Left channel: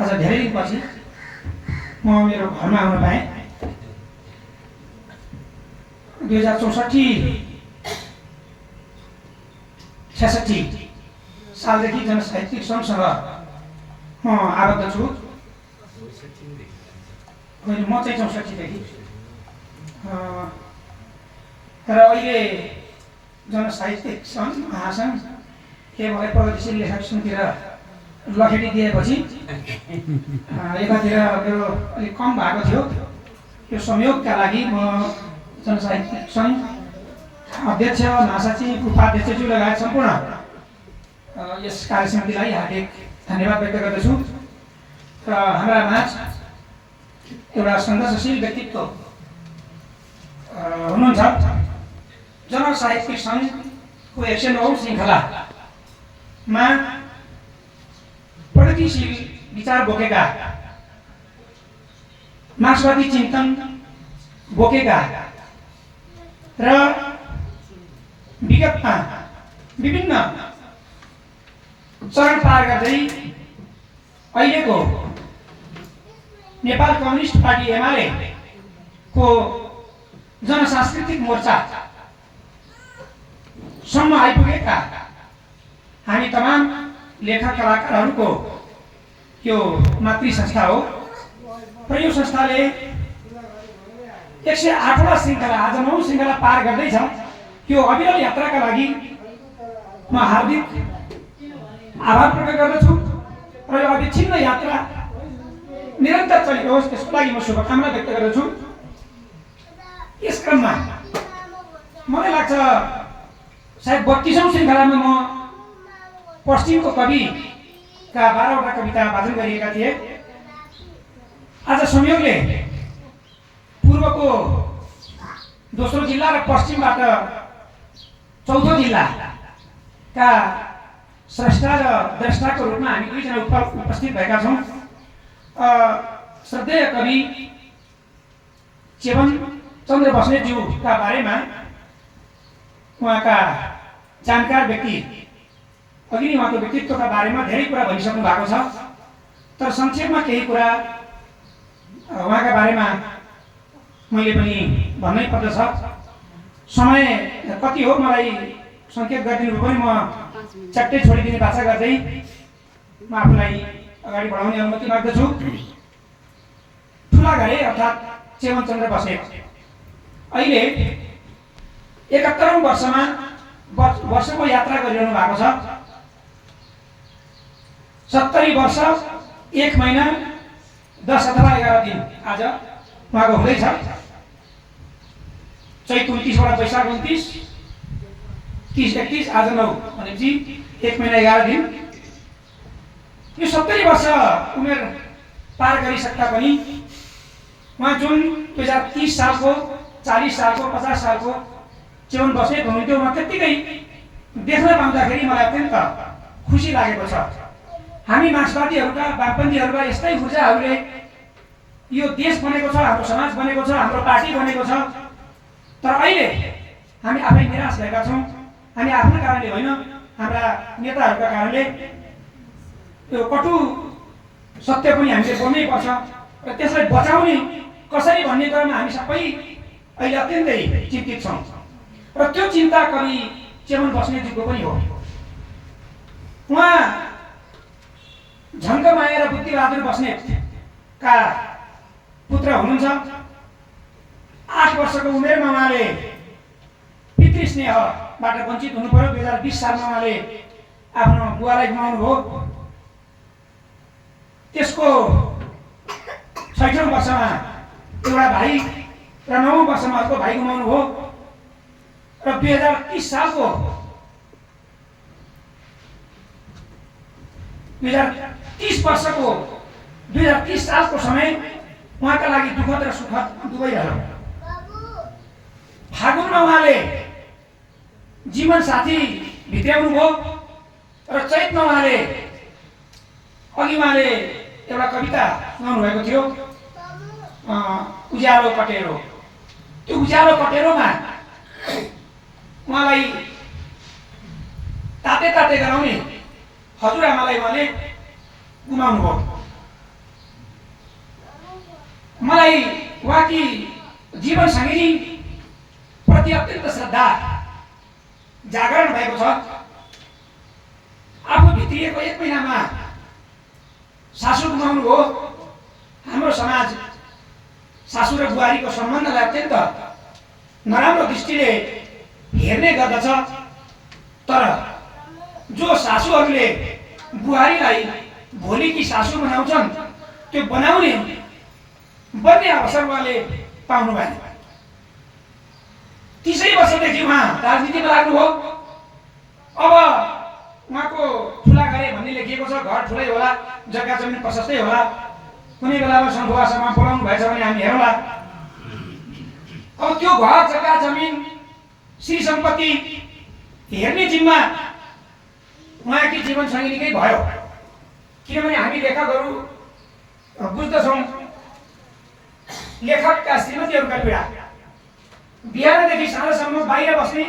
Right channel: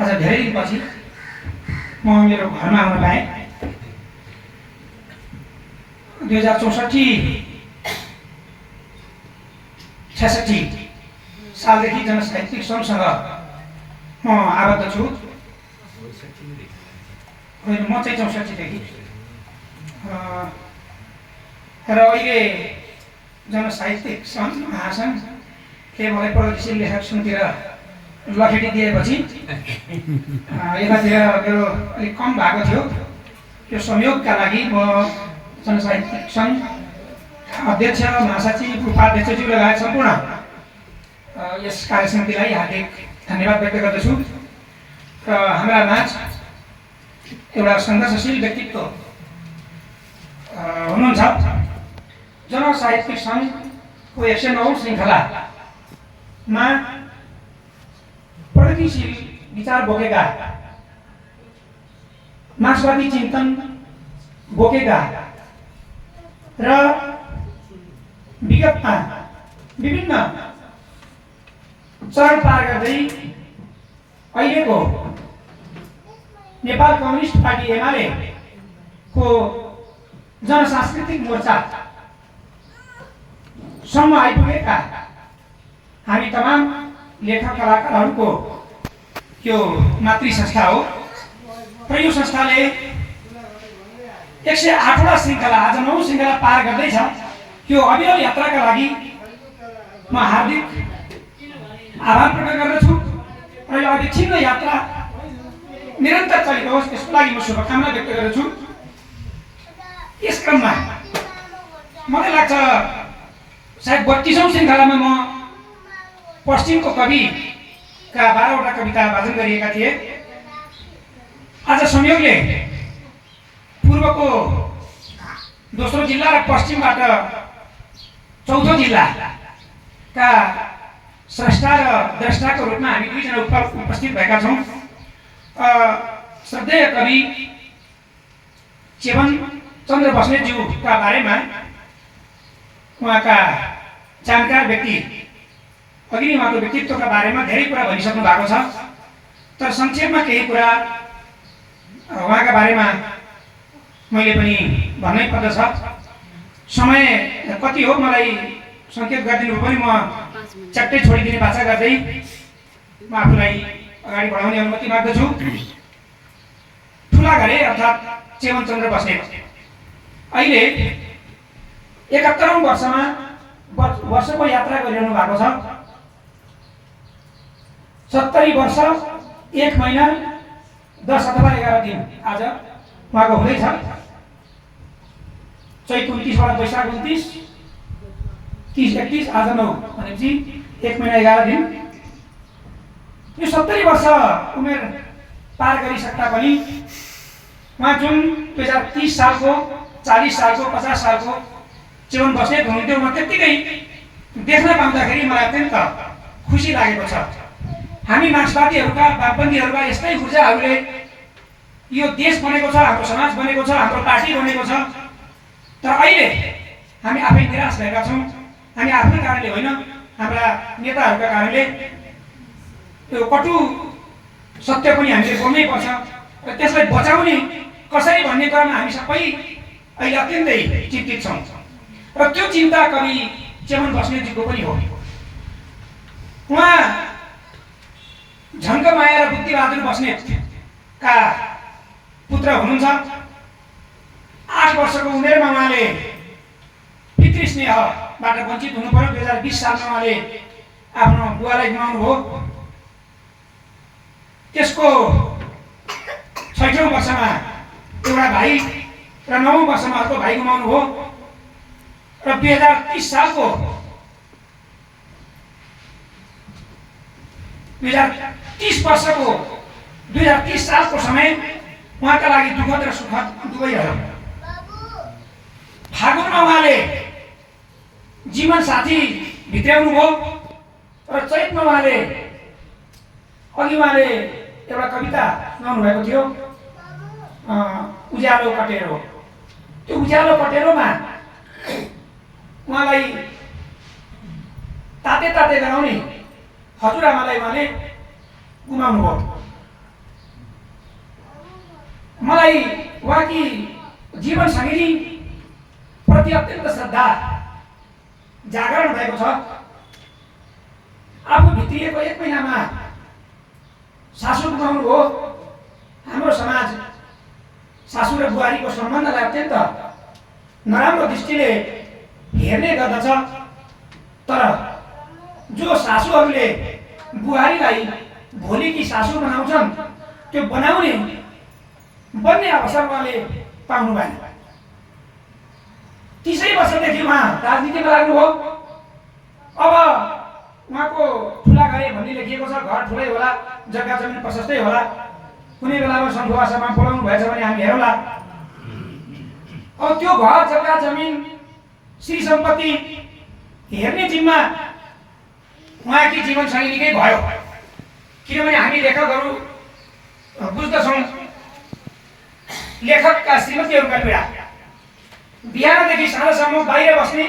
आज धेरै दिनपछि म मेरो घरमा आउन पाएँ। 2064-66 सालदेखि जनसाहित्यिक सङ्घसँग म आबद्ध छु। होइन, म चाहिँ 64 देखि र अहिले जनसाहित्यिक सङ्घ महासङ्घ मलाई प्रगतिशील लेखक समितिर लखेटी दिएपछि यतातिर मेरो अलिक कम भएको थियो। त्यो संयोगका लागि म जनसाहित्यिक सङ्घ अध्यक्ष, महासचिव, उपाध्यक्षज्यू लगायत सम्पूर्ण यस कार्यसमितिलाई हार्दिक धन्यवाद व्यक्त गर्दछु। र हाम्रा माझ एउटा सङ्घर्षशील व्यक्तित्व हुनुहुन्छ। जनसाहित्यिक सङ्घको 109 श्रृङ्खलामा प्रगतिशील विचार बोकेका, मार्क्सवादी चिन्तन बोकेका र विगतमा विभिन्न चरण पार गर्दै अहिलेको नेपाल कम्युनिस्ट पार्टी एमाले को जनसांस्कृतिक मोर्चा सम्म आइपुगेका हामी तमाम लेखक कलाकारहरूको यो मातृ संस्था हो। र यो संस्थाले 108वटा श्रृङ्खला, आज 9 श्रृङ्खला पार गर्दैछ। यो अविरल यात्राका लागि म हार्दिक आभार प्रकट गर्दछु। र यो अविच्छिन्न यात्रा निरन्तर चलिरहोस् त्यसको लागि म शुभकामना व्यक्त गर्दछु। यस क्रममा मलाई लाग्छ सायद 32औं श्रृङ्खलामा म पश्चिमको कविका 12वटा कविता वाचन गरिएका थिए। आज संयोगले पूर्वको दोस्रो जिल्ला र पश्चिमबाट चौथो जिल्लाका स्रष्टा र द्रष्टाको रूपमा हामी दुईजना उपस्थित भएका छौँ। श्रद्धेय कवि चेवन चन्द्र बस्नेतज्यूका बारेमा उहाँका जानकार व्यक्ति अघि उहाँको व्यक्तित्वका बारेमा धेरै कुरा भनिसक्नु भएको छ। तर संक्षेपमा केही कुरा उहाँका बारेमा मैले पनि भन्नै पर्दछ। समय कति हो मलाई सङ्केत गरिदिनु पनि म चट्टै छोडिदिने बाचा गर्दै म आफूलाई अगाडि बढाउने अनुमति माग्दछु। ठुला घरे अर्थात् चेवन चन्द्र बस्नेत अहिले 71औं वर्षको यात्रा गरिरहनु भएको छ। 70 वर्ष 1 महिना 10 अथवा 11 दिन आज उहाँको हुँदैछ। चैत 29बाट वैशाख 29, 30, 31, आज 9 भनेपछि 1 महिना 11 दिन। यो 70 वर्ष उमेर पार गरिसक्दा पनि उहाँ जुन 2030 सालको, 40 सालको, 50 सालको चेवन बस्नेत हुनुहुन्थ्यो, म त्यत्तिकै देख्न पाउँदाखेरि मलाई अत्यन्त खुसी लागेको छ। हामी मार्क्सवादीहरूका, वामपन्थीहरूका यस्तै ऊर्जाहरूले यो देश बनेको छ, हाम्रो समाज बनेको छ, हाम्रो पार्टी बनेको छ। तर अहिले हामी आफै निराश भएका छौँ। हामी आफ्नै कारणले होइन, हाम्रा नेताहरूका कारणले। यो कटु सत्य पनि हामीले बोल्नै पर्छ र त्यसलाई बचाउने कसरी भन्ने कुरामा हामी सबै अहिले अत्यन्तै चिन्तित छौँ। र त्यो चिन्ता कवि चेवन बस्नेतज्यूको पनि हो। उहाँ झङ्कमाया र बुद्धिबहादुर बस्नेतका पुत्र हुनुहुन्छ। 8 वर्षको उमेरमा उहाँले पितृस्नेहबाट वञ्चित हुनु पर्यो। 2020 सालमा उहाँले आफ्नो बुवालाई गुमाउनु भयो। त्यसको 6औं वर्षमा एउटा भाइ र 9औं वर्षमा अर्को भाइ गुमाउनु भयो। र 2030 सालको 2030 वर्षको 2030 सालको समय उहाँका लागि दुःखद र सुखद दुवै रह्यो। फागुनमा उहाँले जीवन साथी भित्र्याउनु भयो र चैतमा उहाँले एउटा कविता गाउनु भएको थियो, उज्यालो कटेरो। त्यो उज्यालो कटेरोमा उहाँलाई ताते ताते गराउने हजुरआमालाई उहाँले गुमाउनु भयो। मलाई उहाँकी जीवन सङ्गिनी प्रति अत्यन्त श्रद्धा जागरण भएको छ। आफू भित्रिएको 1 महिनामा सासू गुमाउनु हो। हाम्रो समाज सासू र बुहारीको सम्बन्धलाई अत्यन्त नराम्रो दृष्टिले हेर्ने गर्दछ। तर जो सासूहरूले बुहारीलाई भोलिकी सासू बनाउँछन् त्यो बन्ने अवसर उहाँले पाउनु भयो। 30 वर्षदेखि उहाँ राजनीतिमा लाग्नुभयो। अब उहाँको ठुला गरे भन्ने लेखिएको छ। घर ठुलै होला, जग्गा जमिन प्रशस्तै होला। कुनै बेलामा सन्धुवासमा बोलाउनु भएछ भने हामी हेरौँला। अब त्यो घर जग्गा जमिन श्री सम्पत्ति हेर्ने जिम्मा उहाँकी जीवन सङ्गिनीकै भयो। किनभने हामी लेखकहरू बुझ्दछौँ लेखकका श्रीमतीहरूका पीडा। बिहानदेखि साँझसम्म बाहिर बस्ने,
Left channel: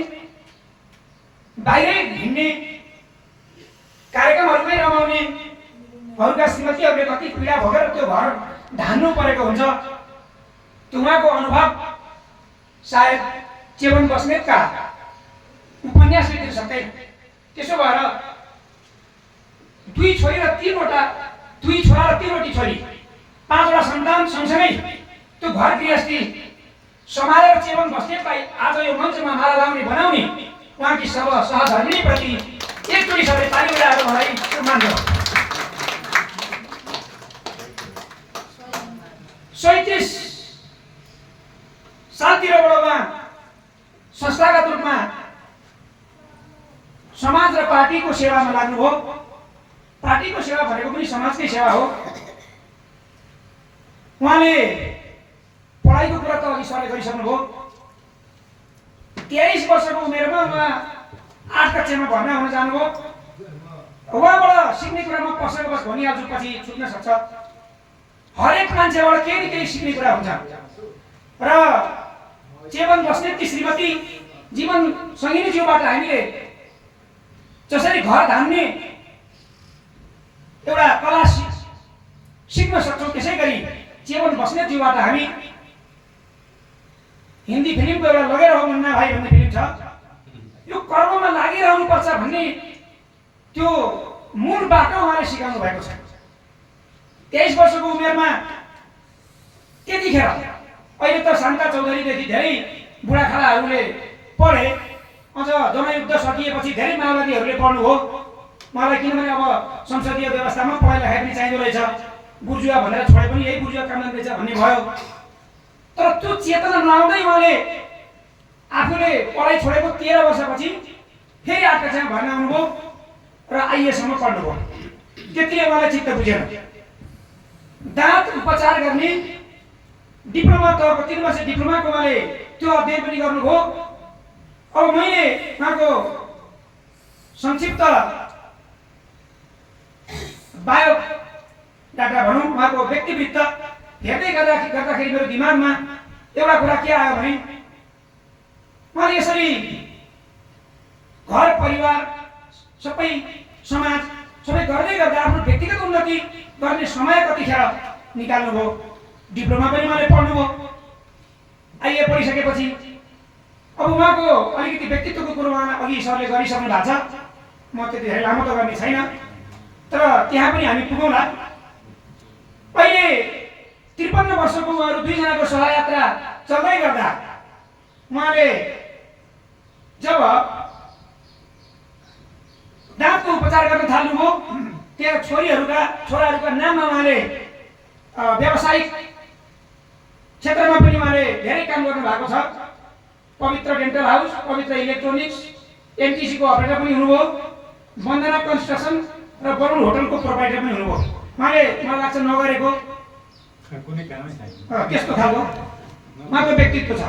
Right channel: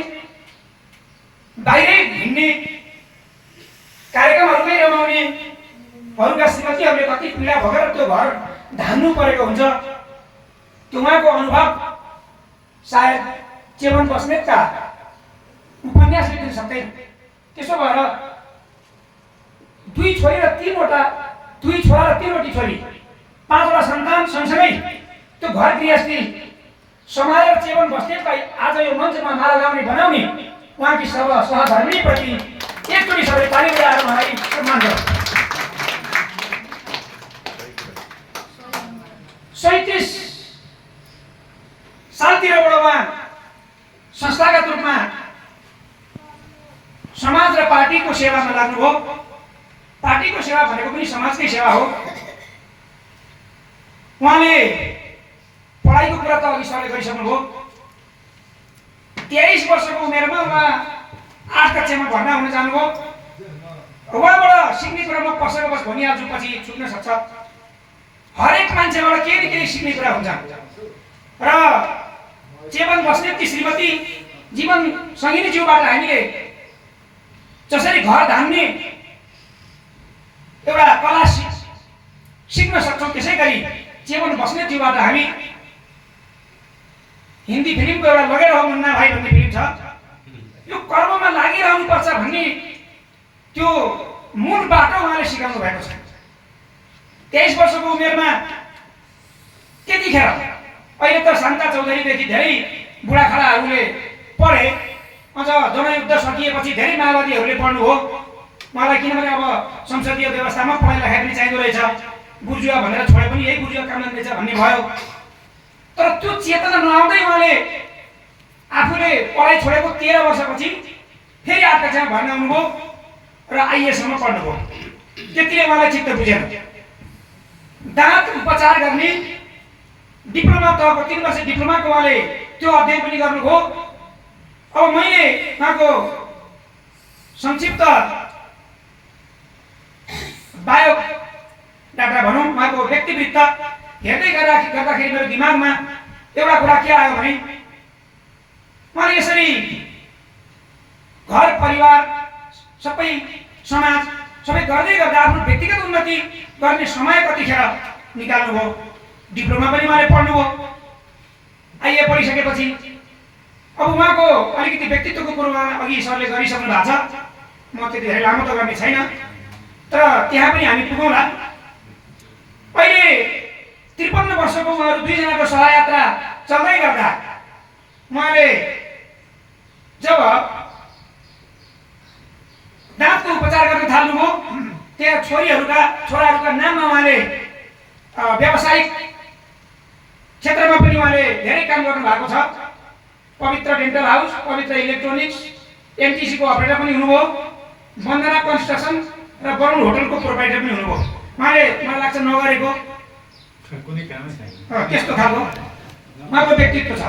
बाहिरै हिँड्ने, कार्यक्रमहरूमै रमाउने अरूका श्रीमतीहरूले कति पीडा भोगेर त्यो घर धान्नु परेको हुन्छ। त्यो उहाँको अनुभव सायद चेवन बस्नेतका उपन्यासले दिन सक्दैन। त्यसो भएर 2 छोरी र 3वटी छोरी, 5वटा सन्तान सँगसँगै त्यो घर गृहस्थी सम्हालेर चेवन बस्नेतलाई आज यो मञ्चमा माला लाउने बनाउने उहाँकी सब सहधर्मीप्रति एकचोटि सबै ताली बजाएर मलाई सम्मान गर्छ। 37 सालतिरबाट उहाँ संस्थागत रूपमा समाज र पार्टीको सेवामा लाग्नुभयो। पार्टीको सेवा भनेको पनि समाजकै सेवा हो। उहाँले पढाइको कुरा त अघि सरले गरिसक्नुभयो। 23 वर्षको उमेरमा उहाँ 8 कक्षामा भर्ना हुन जानुभयो। उहाँबाट सिक्ने कुरा म पसेको बस भनिहाल्छु, पछि छुट्न सक्छ। हरेक मान्छेबाट केही न केही सिक्ने कुरा हुन्छ। र चेवन बस्नेतकी श्रीमती जीवन सङ्गिनीज्यूबाट हामीले जसरी घर धान्ने एउटा कला सिक्न सक्छौँ, त्यसै गरी चेवन बस्नेतज्यूबाट हामी हिन्दी फिल्मको एउटा लगेर हो मुन्ना भाइ भन्ने फिल्म छ। यो कर्ममा लागिरहनुपर्छ भन्ने त्यो मूल बाटो उहाँले सिकाउनु भएको छ। 23 वर्षको उमेरमा त्यतिखेर, अहिले त शान्ता चौधरीदेखि धेरै बुढाखालाहरूले पढे। अझ जनयुद्ध सकिएपछि धेरै माओवादीहरूले पढ्नुभयो मलाई। किनभने अब संसदीय व्यवस्थामा पढाइ लेखाइ पनि चाहिँदो रहेछ। बुर्जुवा भनेर छोडे पनि यही बुर्जुवा काम गर्दैछ भन्ने भयो। तर त्यो चेतना नआउँदै उहाँले आफूले पढाइ छोडेको 13 वर्षपछि फेरि 8 कक्षामा भर्ना हुनुभयो र आइएसम्म पढ्नुभयो। त्यतिले उहाँलाई चित्त बुझेन। दाँत उपचार गर्ने डिप्लोमा तहको 3 वर्ष डिप्लोमाको उहाँले त्यो अध्ययन पनि गर्नुभयो। अब मैले उहाँको संक्षिप्त बायो डाटा भनौँ, उहाँको व्यक्तिवृत्त हेर्दै गर्दाखेरि मेरो दिमागमा एउटा कुरा के आयो भने उहाँले यसरी घर परिवार सबै समाज सबै गर्दै गर्दा आफ्नो व्यक्तिगत उन्नति गर्ने समय कतिखेर निकाल्नुभयो। डिप्लोमा पनि उहाँले पढ्नुभयो। आइए पढिसकेपछि अब उहाँको अलिकति व्यक्तित्वको कुरो अघि सरले गरिसक्नु भएको छ। म त्यति धेरै लामो त गर्ने छैन, तर त्यहाँ पनि हामी पुगौँला। अहिले 53 वर्षको उहाँहरू 2 जनाको सहयात्रा चल्दै गर्दा उहाँले जब दाँतको उपचार गर्न थाल्नुभयो, त्यहाँ छोराहरूका नाममा उहाँले व्यावसायिक क्षेत्रमा पनि उहाँले धेरै काम गर्नु भएको छ। पवित्र डेन्टल हाउस, पवित्र इलेक्ट्रोनिक्स, एमटिसी को अपरेटर पनि हुनुभयो। वन्दना कन्स्ट्रक्सन र वरुण होटलको प्रोपाइटर पनि हुनुभयो। उहाँले मलाई लाग्छ नगरेको कुनै कामै छैन त्यस्तो खालको उहाँको व्यक्तित्व छ।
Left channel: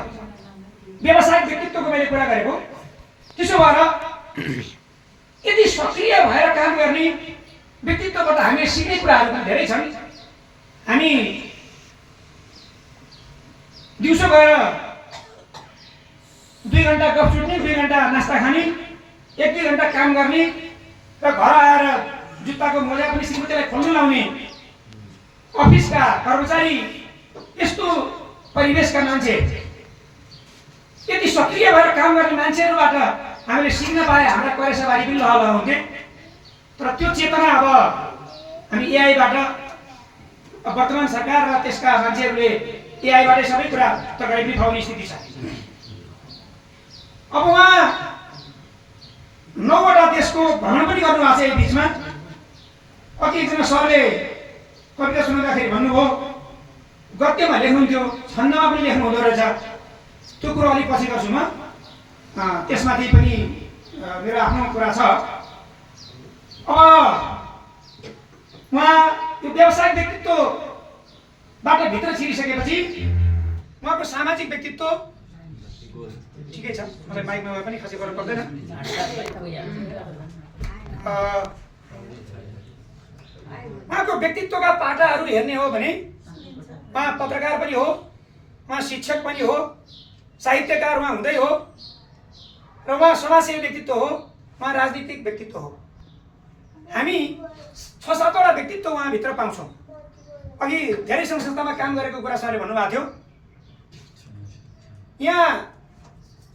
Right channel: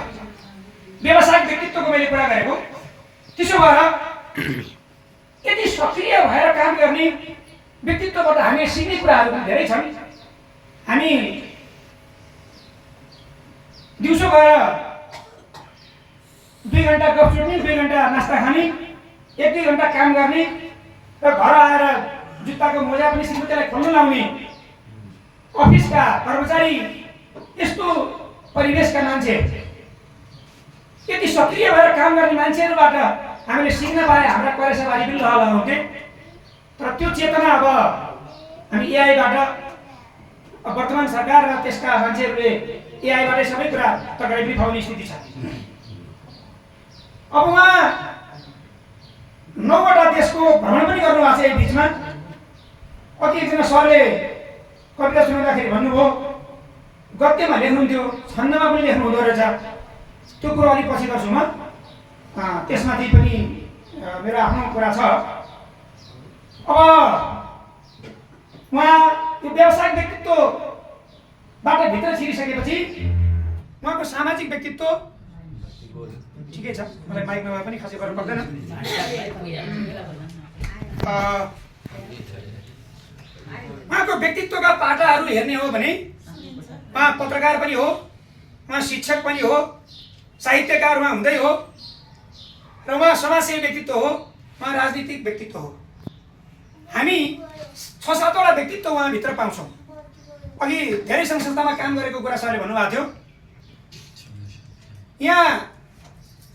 व्यावसायिक व्यक्तित्वको मैले कुरा गरेको। त्यसो भएर यदि सक्रिय भएर काम गर्ने व्यक्तित्वबाट हामीले सिक्ने कुराहरू पनि धेरै छन्। हामी दिउँसो गएर 2 घण्टा गफ सुन्ने, 2 घण्टा नास्ता खाने, 1-2 घण्टा काम गर्ने र घर आएर जुत्ताको मोजा पनि श्रीमतीलाई खोल्न लाउने, अफिसका कर्मचारी यस्तो परिवेशका मान्छे, यति सक्रिय भएर काम गर्ने मान्छेहरूबाट हामीले सिक्न पाए हाम्रा करेसाबारी पनि लहल हुन्थे। तर त्यो चेतना अब हामी एआईबाट, वर्तमान सरकार र त्यसका मान्छेहरूले एआईबाटै सबै कुरा तगाई बिफाउने स्थिति छ। अब उहाँ 9 वटा देशको भ्रमण पनि गर्नुभएको छ यस बिचमा। अघि एकजना सरले कविता सुनाउँदाखेरि भन्नुभयो गद्यमा लेख्नुहुन्थ्यो, छन्दमा पनि लेख्नु हुँदो रहेछ। त्यो कुरो अलिक पछि गर्छु म, त्यसमाथि पनि मेरो आफ्नो कुरा छ। अब उहाँ यो व्यावसायिक व्यक्तित्वबाट भित्र छिरिसकेपछि उहाँको सामाजिक व्यक्तित्व ठिकै छ, मलाई माइकमा भए पनि खासै गर्नु पर्दैन। उहाँको व्यक्तित्वका पाटाहरू हेर्ने हो भने उहाँ पत्रकार पनि हो, उहाँ शिक्षक पनि हो, साहित्यकार उहाँ हुँदै हो, र उहाँ समाजसेवी व्यक्तित्व हो, उहाँ राजनीतिक व्यक्तित्व हो। हामी 6-7 वटा व्यक्तित्व उहाँभित्र पाउँछौँ। अघि धेरै सङ्घ संस्थामा काम गरेको कुरा सरले भन्नुभएको थियो। यहाँ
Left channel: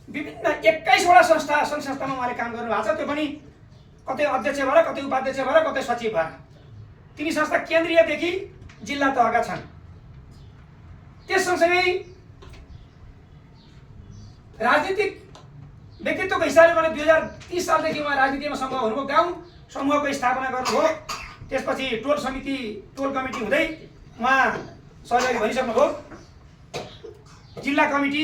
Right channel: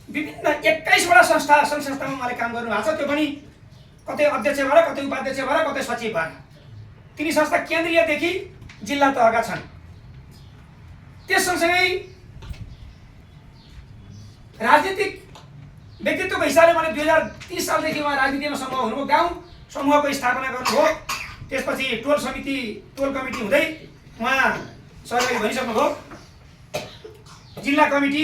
विभिन्न 21 वटा सङ्घ संस्थामा उहाँले काम गर्नुभएको छ। त्यो पनि कतै अध्यक्ष भएर, कतै उपाध्यक्ष भएर, कतै सचिव भएर। तिनी संस्था केन्द्रीयदेखि जिल्ला तहका छन्। त्यस सँगसँगै राजनीतिक व्यक्तित्वको हिसाबले उहाँले 2030 सालदेखि उहाँ राजनीतिमा समूह हुनुभयो। गाउँ समूहको स्थापना गर्नुभयो। त्यसपछि टोल कमिटी हुँदै उहाँ सरकारले भनिसक्नुभयो। जिल्ला कमिटी,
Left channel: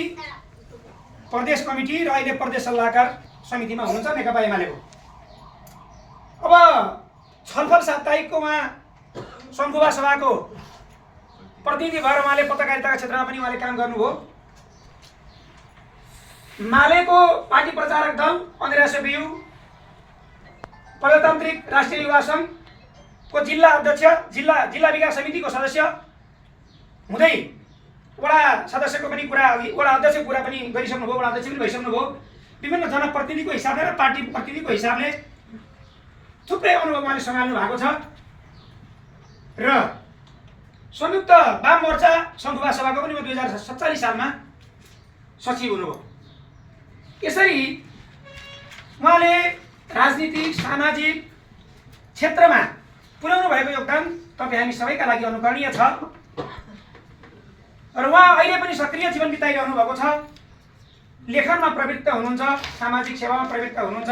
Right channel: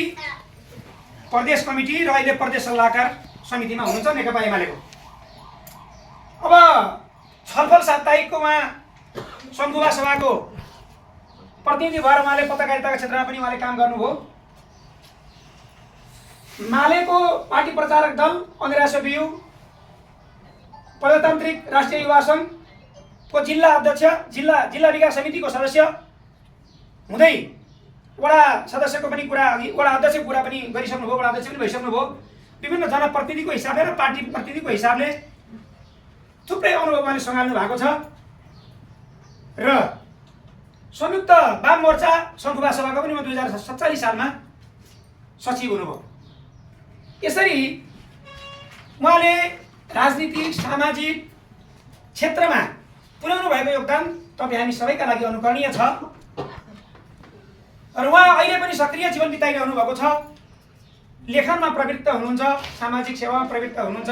प्रदेश कमिटी र अहिले प्रदेश सल्लाहकार समितिमा हुनुहुन्छ नेकपा एमालेको। अब छलफल साप्ताहिकको उहाँ सङ्खुवा सभाको प्रतिनिधि भएर उहाँले पत्रकारिताका क्षेत्रमा पनि उहाँले काम गर्नुभयो। मालेको पार्टी प्रचारक दल, अङ्ग्रेसो बियु, प्रजातान्त्रिक राष्ट्रिय युवा सङ्घको जिल्ला अध्यक्ष, जिल्ला विकास समितिको सदस्य हुँदै वडा सदस्यको पनि कुरा, वडा अध्यक्षको कुरा पनि गरिसक्नुभयो, वडा अध्यक्ष पनि भइसक्नुभयो। विभिन्न जनप्रतिनिधिको हिसाबले र पार्टी प्रतिनिधिको हिसाबले थुप्रै अनुभव उहाँले सँगाल्नु भएको छ। र संयुक्त वाम मोर्चा सङ्खुवा सभाको पनि 2047 सालमा सचिव हुनुभयो। यसरी उहाँले राजनीतिक, सामाजिक क्षेत्रमा पुर्याउनु भएको योगदान तपाईँ हामी सबैका लागि अनुकरणीय छ। र उहाँ अहिले पनि सक्रिय जीवन बिताइरहनु भएको छ। लेखनमा प्रवृत्त हुनुहुन्छ, सामाजिक सेवामा प्रवृत्त हुनुहुन्छ।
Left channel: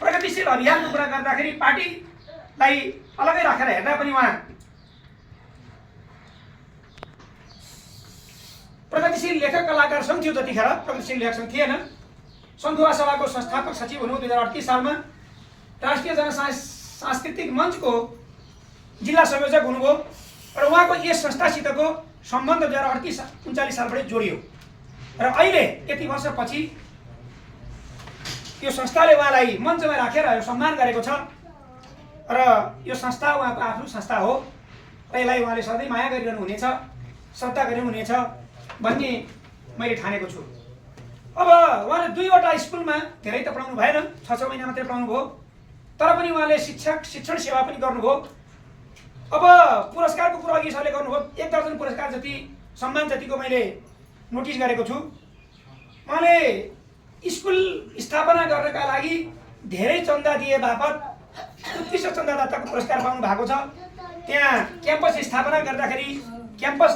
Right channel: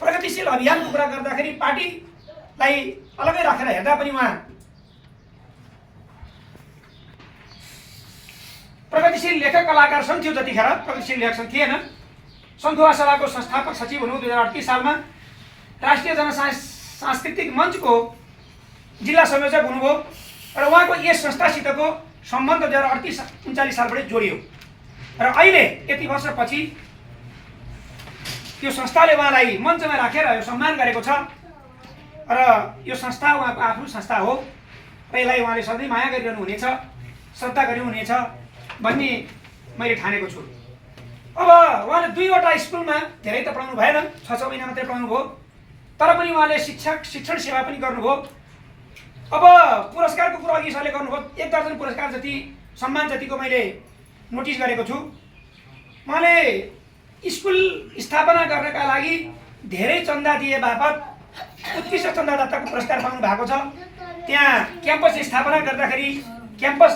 प्रगतिशील अभियानको कुरा गर्दाखेरि पार्टीलाई अलगै राखेर हेर्दा पनि उहाँ प्रगतिशील लेखक कलाकार सङ्घ थियो। जतिखेर प्रगतिशील लेखक सङ्घ थिएन। सङ्खुवा सभाको संस्थापक सचिव हुनुभयो 2038 सालमा। राष्ट्रिय जनसांस्कृतिक मञ्चको जिल्ला संयोजक हुनुभयो र उहाँको यस संस्थासितको सम्बन्ध 2038-39 सालबाट जोडियो। र अहिले यति वर्षपछि यो संस्थाले उहाँलाई मञ्चमा राखेर यो सम्मान गरेको छ। र यो संस्था उहाँको आफ्नो संस्था हो र यसलाई उहाँले सधैँ माया गरिरहनु हुनेछ, श्रद्धा गरिरहनु हुनेछ भन्ने मैले ठानेको छु। अब उहाँले 2 वटा स्कुलमा, धेरै त पढाउनु भएन, 6 महिना मात्रै पढाउनु भयो, तर पनि उहाँले शिक्षण सेवा पनि गर्नुभयो। अब पुरस्कारको कुरा अघि सरले गर्नुभयो। 1 दर्जन पुरस्कार जति, सम्मान जतिको मैले नोटिस गरेको छु। उहाँले स्कुल स्थापना गर्नका लागि धेरै चन्दा दिए बापत उत्कृष्ट चन्दादाताको पुरस्कार पाउनु भएको छ। त्यहाँ क्याम्पस स्थापना गर्दाखेरि, क्याम्पस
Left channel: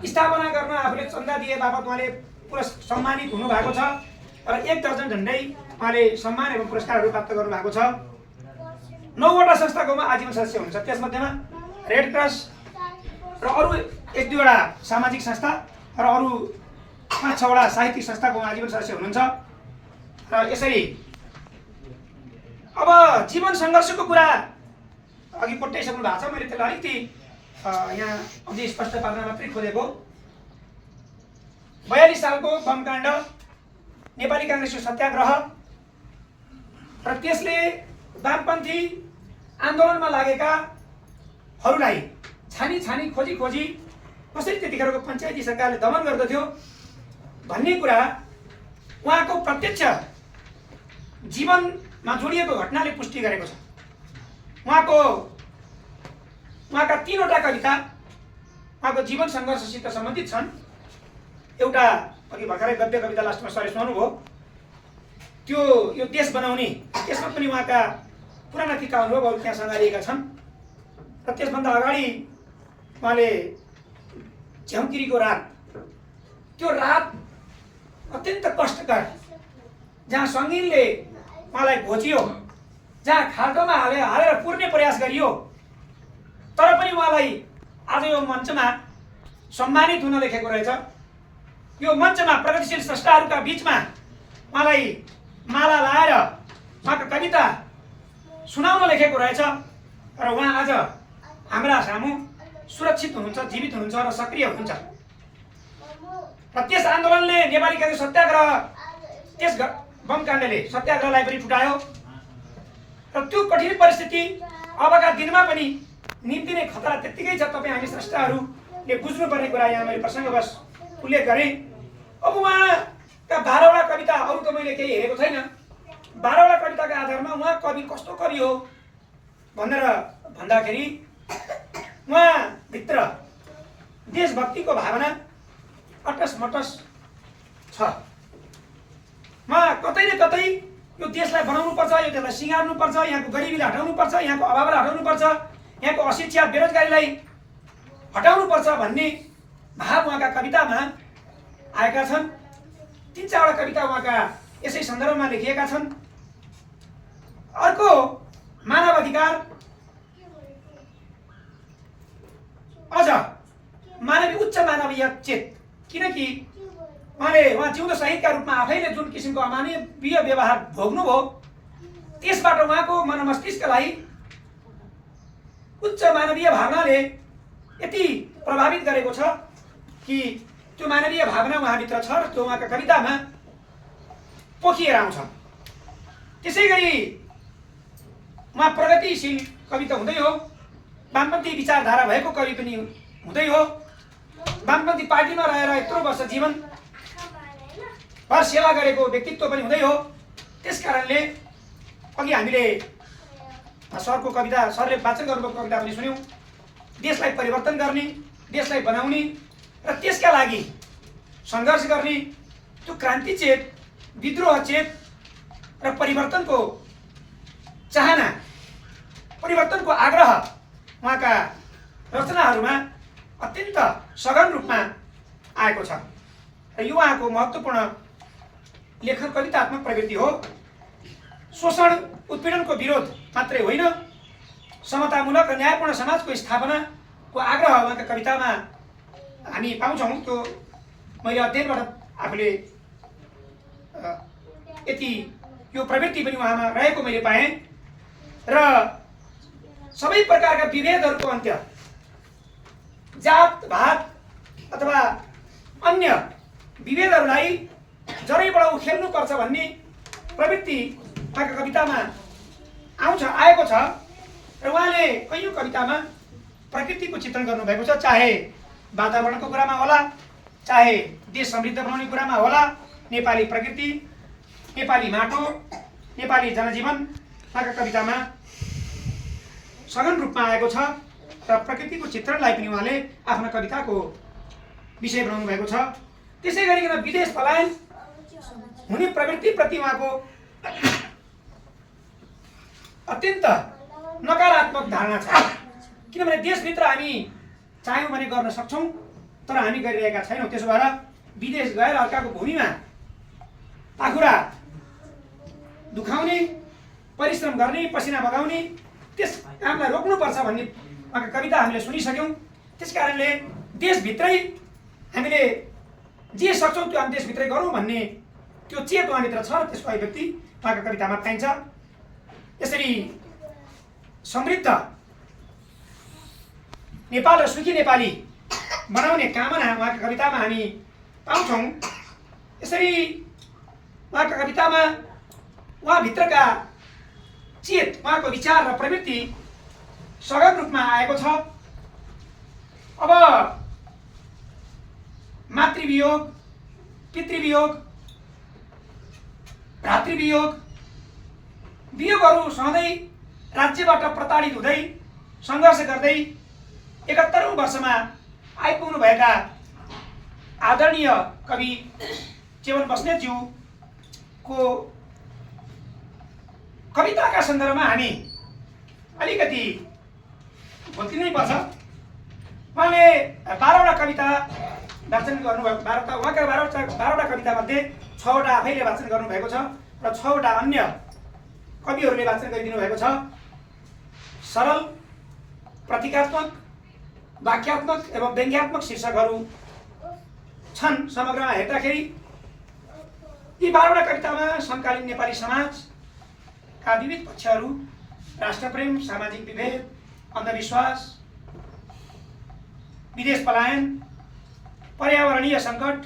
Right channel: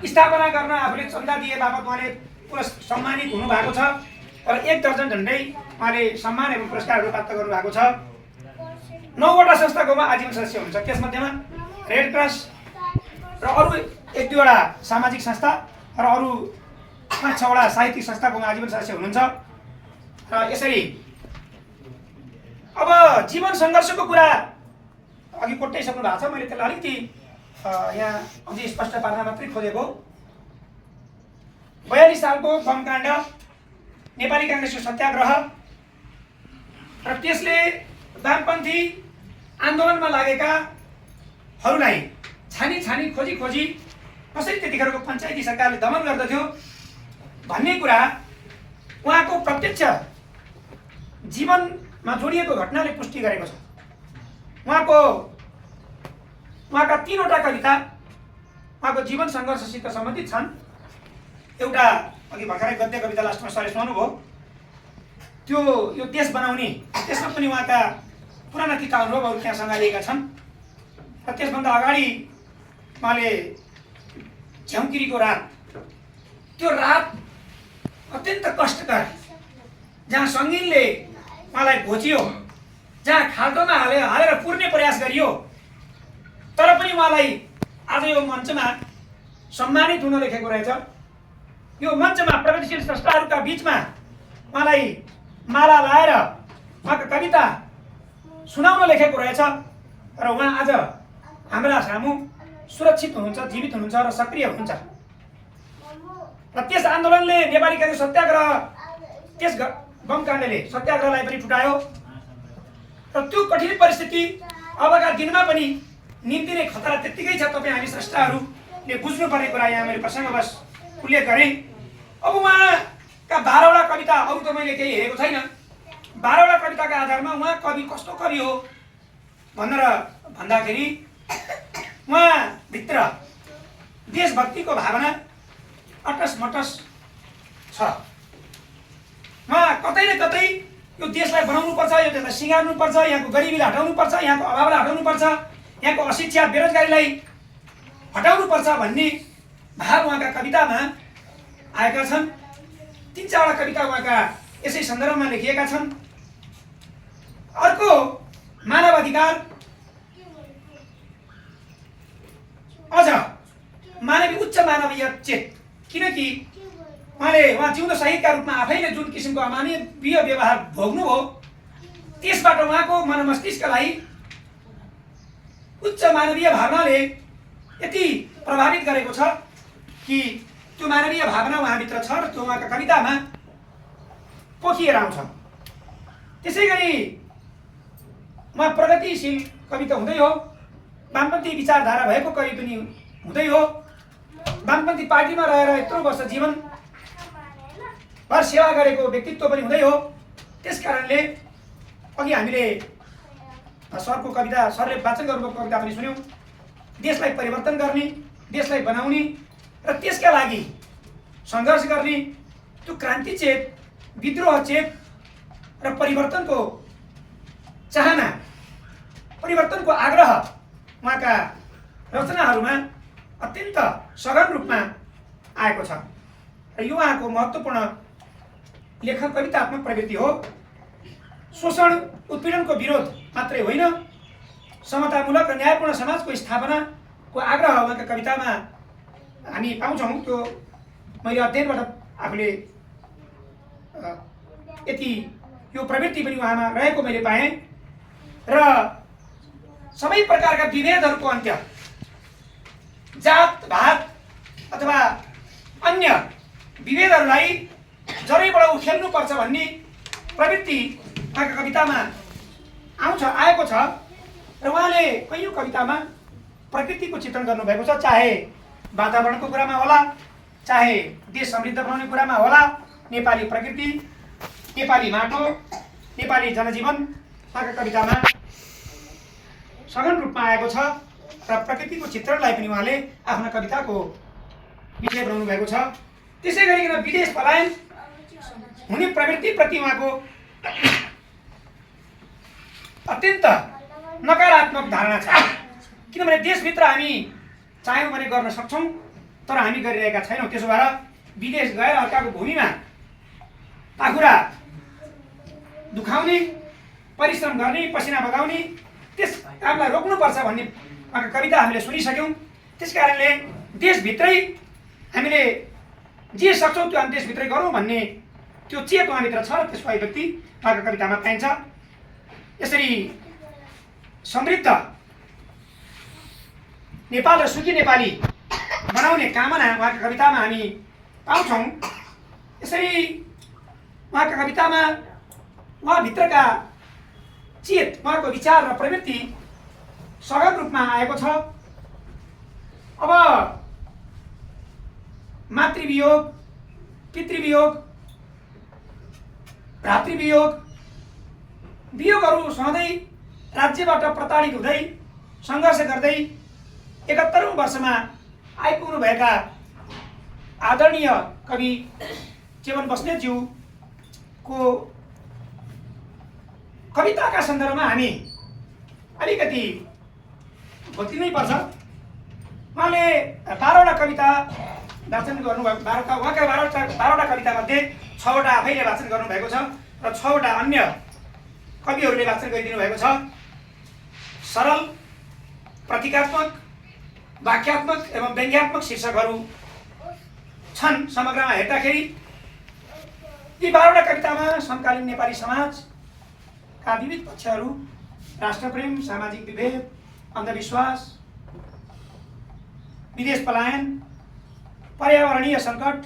स्थापना गर्न आफूले चन्दा दिए बापत उहाँले सम्मानित हुनुभएको छ। र 1 दर्जन झन्डै उहाँले सम्मान एवं पुरस्कारहरू प्राप्त गर्नुभएको छ। 9 वटा संस्थाको आजीवन सदस्य हुनुहुन्छ। त्यसमध्येमा रेड क्रस र अरू 1-2 वटा सामाजिक संस्था र अरू 5-6 वटा साहित्यिक संस्थाको आजीवन सदस्य हुनुहुन्छ। र यसरी अब जीवन सङ्घर्षको कुरा अघि कोट्याइसक्नु भएको छ। मैले त्यसलाई अलिकति यहाँ अझै स्पष्ट पार्न मात्रै खोजेको। 42 सालको बमकाण्ड, नेपाली काङ्ग्रेसको सत्याग्रह र त्यसले वामपन्थी आन्दोलनमा लागेकाहरूलाई छानी खोजी कसरी त्यतिखेरको पञ्चायती सरकारले दमन गर्दथ्यो भन्ने कुरा उहाँको प्रत्यक्ष जीवनमा जोडिएको घटनाले पुष्टि गरेको छ। उहाँका 3 वटा कविता उहाँको जीवन सङ्घर्षसित सम्बन्धित छन्। एउटा अघि भर्खरै गद्य कविता लास्टमा सरले सुनाउनुभयो, त्यो यो देश बनाउने, त्यसमा पनि उहाँका पुराना तिता अनुभवहरू त्यहाँ सँगालिएका छन्। र त्यसभन्दा अगाडि उहाँले झ्याउकिरीको रात, त्यो रात अत्यन्त कष्टकर, जहाँ सङ्गीनले उहाँलाई घोचियो, जहाँ खाल्टोमा हालेर पुर्ने प्रयास गरियो, तर पनि उहाँलाई आज यो मञ्चमा सम्मानित हुन लेखेको रहेछ। यो मञ्चमा प्रगतिशील स्रष्टाहरूका बिचमा उहाँलाई माला लाएर उहाँको कविता सुनाउन लेखेको रहेछ। र उहाँ आज हाम्रा सामु सुरक्षित हुनुहुन्छ, जीवित हुनुहुन्छ र सक्रिय हुनुहुन्छ। र त्यस आन्दोलनले नेपालीका सत्याग्रह, त्यस बमकाण्डले सत्याग्रहलाई पनि फुटायो। र त्यो कठिन परिस्थिति अबका दिनमा पनि निम्तिने खतरा त्यत्तिकै छ। तपाईँ हामी स्रष्टाहरूले बुझ्नुपर्ने कुरा यहाँ मैले प्रसङ्गवश उल्लेख गरेँ। अब उहाँका 12वटा कविता, अरू त मैले केही हेरेको छैन, 12वटा कविताका आधारमा उहाँ कवि कस्तो कवि हो भनेर भन्दाखेरि उहाँभित्र देशभक्तिको भावना अटस मटस छ। उहाँ कतै न कतै यो देशलाई बनाउनुपर्छ, यो देशलाई सिँगार्नुपर्छ, यहाँको गरिबीलाई हटाउनुपर्छ, यहाँको अभावलाई हटाउनुपर्छ, यहाँको अशिक्षा बेरोजगारीलाई हटाउनुपर्छ भन्ने भाव उहाँका कवितामा आएका छन्। 3-4वटा कविता उहाँका यसै सन्दर्भमा लेखिएका छन्। अर्को मानव अधिकार, अझ मानवीय उच्च मानवीय चेत, किनकि उहाँ जिउँदो शहीदका रूपमा आफैले जुन किसिमको अमानवीय व्यवहार भोग्नुभयो, त्यसबाट उहाँको मनमस्तिष्कलाई उच्च मानवीय भावनाले यति प्रभावित गरेको छ कि त्यो मानवीय भावना उहाँभित्र छ र त्यो उहाँका कवितामा पोखिएर आउँछ। त्यसै गरी उहाँ प्रगतिशील कवि त हुँदै हो, वामपन्थी विचारधारा भएको कवि पनि हुँदै हो। वामपन्थी पार्टीमा रहेर यत्रो वर्ष जीवन भर सेवा गरेको व्यक्तित्व पनि हुँदै हो। त्यसकारणले अघि हामीले सरको कविता, सरले वाचन गर्नुभएको कविता पनि सुन्यौँ। देशलाई परिवर्तन गर्ने, देशलाई बनाउने र त्यसका लागि सङ्घर्ष गर्ने त्यो क्रान्ति चेत, विद्रोह चेत र परिवर्तनको चाहना, परिवर्तनको आग्रह उहाँका रचनाहरूमा अत्यन्त सघन रूपमा आएको छ। र यो उहाँको महत्त्वपूर्ण लेखन कवितात्मक प्रवृत्ति हो। शोषण उत्पीडनको विरोध मात्रै होइन, समतामूलक र न्यायपूर्ण समाजको स्थापनाको आग्रह उहाँका कवितामा हामी पाउँछौँ। त्यो मैले अध्ययनबाट आफूले यति यो प्रवृत्ति पनि उहाँमा रहेको मैले पाएँ। र सबै प्रकारका विभेदहरूको अन्त्य, जात भात अथवा अन्य विभेदहरूलाई जरैबाट उखेल्नुपर्छ भन्ने प्रवृत्ति उहाँका कवितामा आएको छ। र उहाँले कैयौँ कवितामा प्रकृतिको चित्रण गर्नुभएको छ, चाहे वातावरणको कुरामा होला, चाहे देश समृद्ध बनाउने कुरामा होला। नेपाली प्रकृति, नेपाली माटो, नेपाली जनजीवन उहाँका कवितामा सघन रूपमा आएको छ। र प्रकृतिको चित्रणलाई पनि उहाँले आफ्नो कविताको विषय बनाउनु भएको छ। त्यसै गरिकन विदेश पलायन हुने प्रवृत्तिप्रति उहाँको अत्यन्त नकारात्मक धारणा छ। किनभने देशभित्र हामी चाह्यौँ भने गर्न सक्छौँ, तर हामी गरिरहेका छैनौँ। त्यसो भएर विदेश गएर अर्काको भूमिमा पाखुरा दुखाउने, परिश्रम गर्ने, पसिना बगाउने, त्यस कामलाई रोक्नुपर्छ भन्ने उहाँका कविता हामीले सुनिसक्यौँ। त्यसकारणले देशभित्रै हामीले जे सक्छौँ त्यो हामी देशभित्रै गरौँ भन्ने त्यो चेत उहाँभित्र छ र त्यसको अभिव्यक्ति उहाँका कवितामा पाइन्छ। यसरी समृद्ध नेपाल र सुखी नेपाली बनाउने कामना उहाँका कवितामा हामी पाउँछौँ। यसरी उहाँका कवितामा उहाँभित्रका चेत, उहाँको विचार र प्रवृत्ति सघन रूपमा आएको छ। अब मातृवियोग, पितृवियोग, भ्रातृवियोग, वियोगहरू सहँदै राज्यबाट प्रताडित हुँदै सङ्घर्ष गर्दै 71औं वर्षमा आइपुग्नुभएका आदरणीय कवि चेवन बस्नेतज्यूको कविताका सन्दर्भमा हामी अलिकति भोत्लिनै पर्छ। उहाँले 12वटा कविता वाचन गर्नुभएको, उहाँका 12वटा कवितामध्ये 6वटा आफैले वाचन गर्नुभएको छ र 6वटा अन्य कविहरूले वाचन गरिदिनु भएको छ। सरल, प्रतीकात्मक, वाक्यात्मक एवं व्यङ्ग्यात्मक शीर्षकहरू छन्। समग्रमा हेर्दाखेरि यी 12वटा कवितामा समकालीन नेपाली समाजका विविध पक्षहरू, राष्ट्रप्रेम, सामाजिक विभेद, अन्धविश्वास, विदेश पलायन, पर्यावरणीय सङ्कट,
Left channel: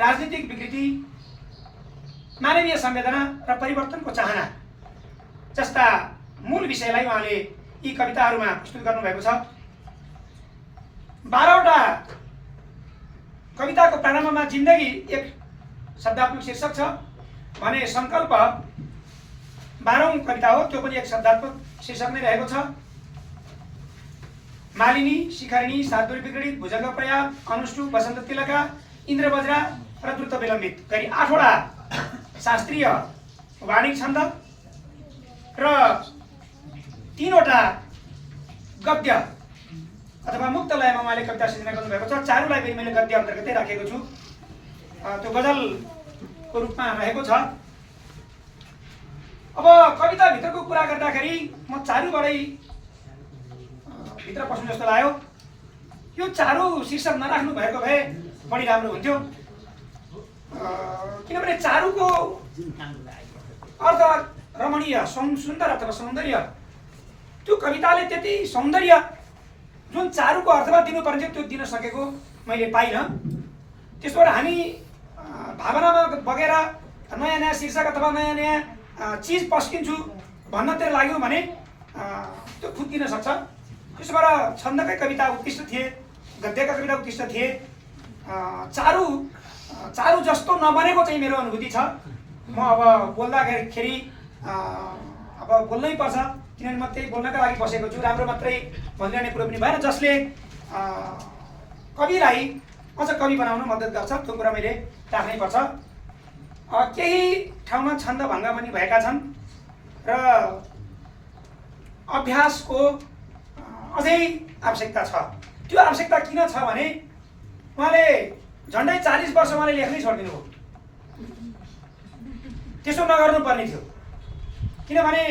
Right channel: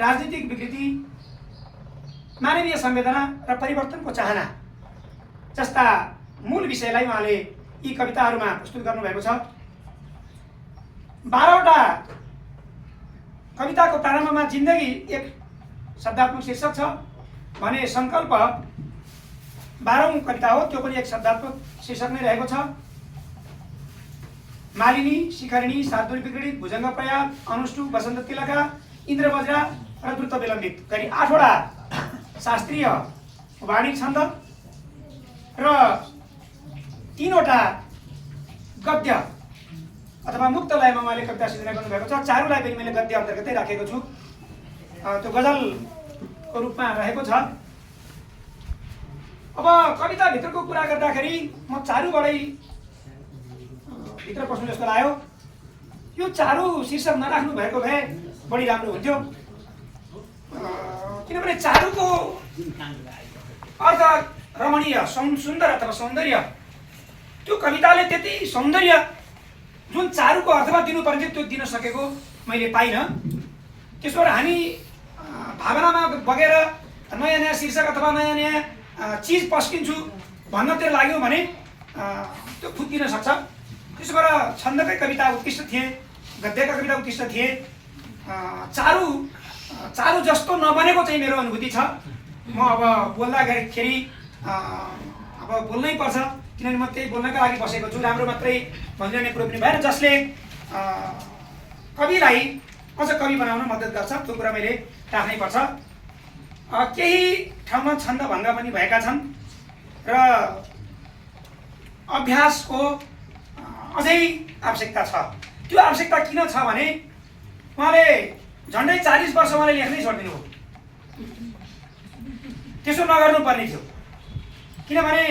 राजनीतिक विकृति, मानवीय संवेदना र परिवर्तनको चाहना जस्ता मूल विषयलाई उहाँले यी कविताहरूमा प्रस्तुत गर्नुभएको छ। 12वटा कविताको प्रारम्भमा जिन्दगी एक शब्दात्मक शीर्षक छ भने सङ्कल्प 12औं कविता हो, त्यो पनि एक शब्दात्मक शीर्षक नै रहेको छ। मालिनी, शिखरिणी, सातदुरी विगडित, भुजङ्ग प्रयाग, अनुष्टुप, वसन्त तिलका, इन्द्रवज्रा र द्रुत विलम्बित गरी 8वटा शास्त्रीय वाणिक छन्द र 3वटा गद्य अथवा मुक्त लयमा उहाँले कविता सिर्जना गर्नुभएको छ। चारुलाई पनि मैले गद्य अन्तर्गतै राखेको छु, त्यो गजलको रूपमा रहेको छ। अब कविताभित्रको कुरा गर्दाखेरि म चारुबाटै भित्र पस्नु जस्तो लाग्यो। यो चारु शीर्षक नराख्नु भएको भए बढी राम्रो हुन्थ्यो, किनभने चारुको अर्थ रमणीय, सुन्दर अथवा सौन्दर्य। त्यो कविताले त्यति सौन्दर्य जुन चारुको अर्थमा दिनुपर्ने त्यो दिन सकेको मैले पाइनँ। त्यसबाट हामी भावनामा बगेर नयाँ नयाँ शीर्षक अथवा नयाँ नयाँ चिज पस्किन्छु भन्नतिर लाग्यो भने त्यो फुत्किन सक्छ। त्यसो भएर छन्दकै कविता उत्कृष्ट थिए, गद्यका कविता उत्कृष्ट थिए। चारु जस्तो नबनेको चाहिँ मेरो अनुभूति छ। म अब बोल्दाखेरि अब बोल्नै पर्छ, किनभने म त्यही बोल्नका लागि बसेको छु। राम्रो मात्रै भनिरहने कुरो पनि भएन। जसले कविलाई अझ कवि बनाउन मद्दत गर्छ त्यो कुरा मैले राख्नै पर्छ। केही ठाउँमा छन्द भङ्ग पनि भएका छन् र अभ्यासको अझै आवश्यकता छ। त्यो आवश्यकता किन छ भने उहाँले झन्डै 40 वर्ष उहाँले लेख्नै छोडिदिनु हो। त्यसो नगर्नुपर्ने थियो, किनभने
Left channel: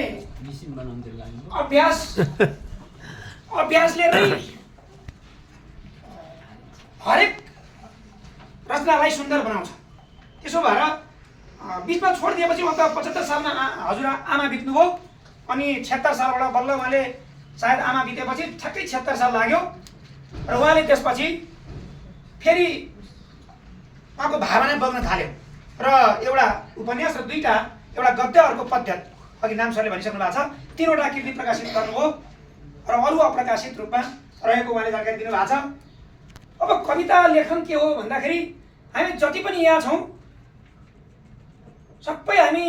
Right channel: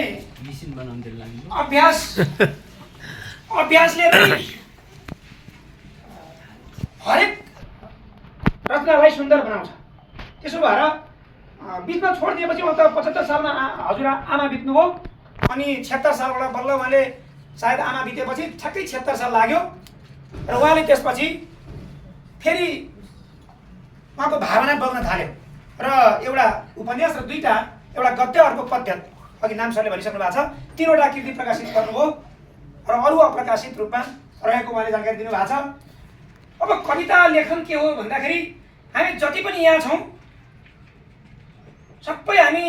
अभ्यासले हरेक रचनालाई सुन्दर बनाउँछ। त्यसो भएर बिचमा छोडिदिएपछि उहाँ त 75 सालमा हजुर आमा बित्नुभयो अनि 76 सालबाट बल्ल उहाँले सायद आमा बितेपछि ठ्याक्कै 76 साल लाग्यो र उहाँले त्यसपछि फेरि उहाँको भावना बग्न थाल्यो र एउटा उपन्यास र 2टा, एउटा गद्य अर्को पद्य, अघि नाम सरले भनिसक्नु भएको छ, 3वटा कृति प्रकाशित गर्नुभयो र अरू अप्रकाशित रूपमा रहेको उहाँले जानकारी दिनुभएको छ। अब कविता लेखन के हो भन्दाखेरि हामी जति पनि यहाँ छौँ सबै हामी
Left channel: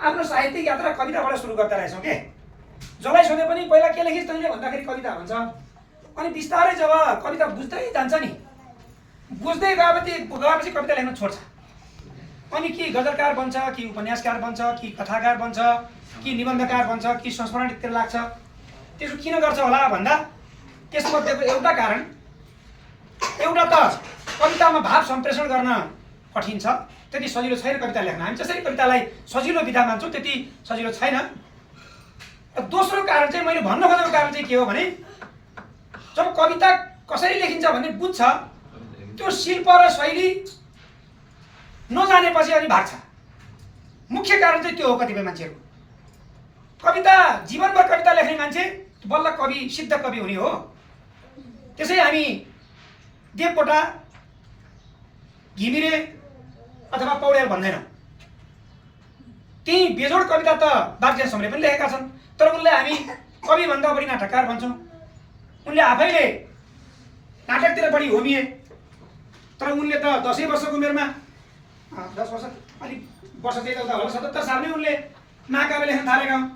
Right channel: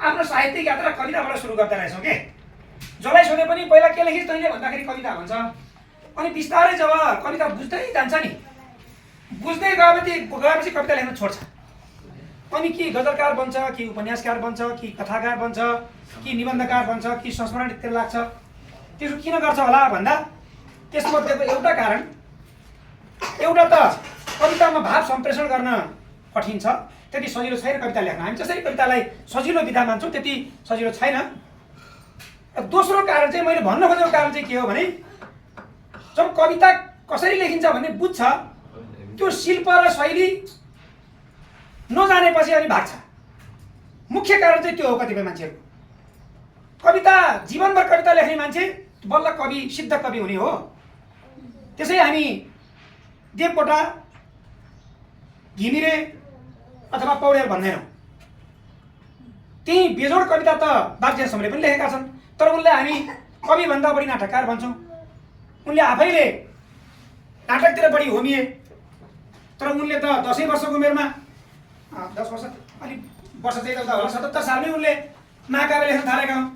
आफ्नो साहित्यिक यात्रा कविताबाट सुरु गर्दा रहेछौँ के। जसलाई सोधे पनि पहिला के लेखिस् तैँले भन्दाखेरि कविता भन्छ। अनि बिस्तारै जब कविता बुझ्दै जान्छ नि, बुझ्दै गएपछि कविता लेख्न छोड्छ। अनि कि गजलकार बन्छ, कि उपन्यासकार बन्छ, कि कथाकार बन्छ, कि निबन्धकार बन्छ, कि संस्मरणतिर लाग्छ। त्यसो किन गर्छ होला भन्दा त्यसमध्येको एउटा कारण, एउटा त कवितामा भाव सम्प्रेषण गर्न कठिन छ, त्यति सजिलो छैन कविता लेख्न। हामी जसरी कवितालाई सजिलो विधा मान्छौँ त्यति सजिलो छैन। दोस्रो कारण चाहिँ मैले भन्न खोजेको कारण चाहिँ के हो भने जब कविता कसरी लेखिन्छ भन्ने बुझ्छ, त्यो शिल्प र शैली नजानेपछि अनि भाग्छ। मुख्य कारण चाहिँ त्यो हो। कतिपय मान्छेहरू कविता जीवनभर कविता लेख्ने मान्छे बल्ल कवि, सिद्ध कवि हुने हो। त्यसै हामी देवकोटा, घिमिरे अथवा पौडेल भन्दैनौँ। त्यही बेजोड कविता त बागजेसमले पनि लेखेका छन्, तर उनलाई हामी कविभन्दा बढी नाटककार भन्छौँ। उनले आफैले नाटकतिर बढी होमिए, तर उनले त 10 वर्षको उमेरमा 10 वर्ष अलिक वर्ष चाहिँ होला 77 सालमै उनले महाकाव्य लेख्न थालेका हुन्।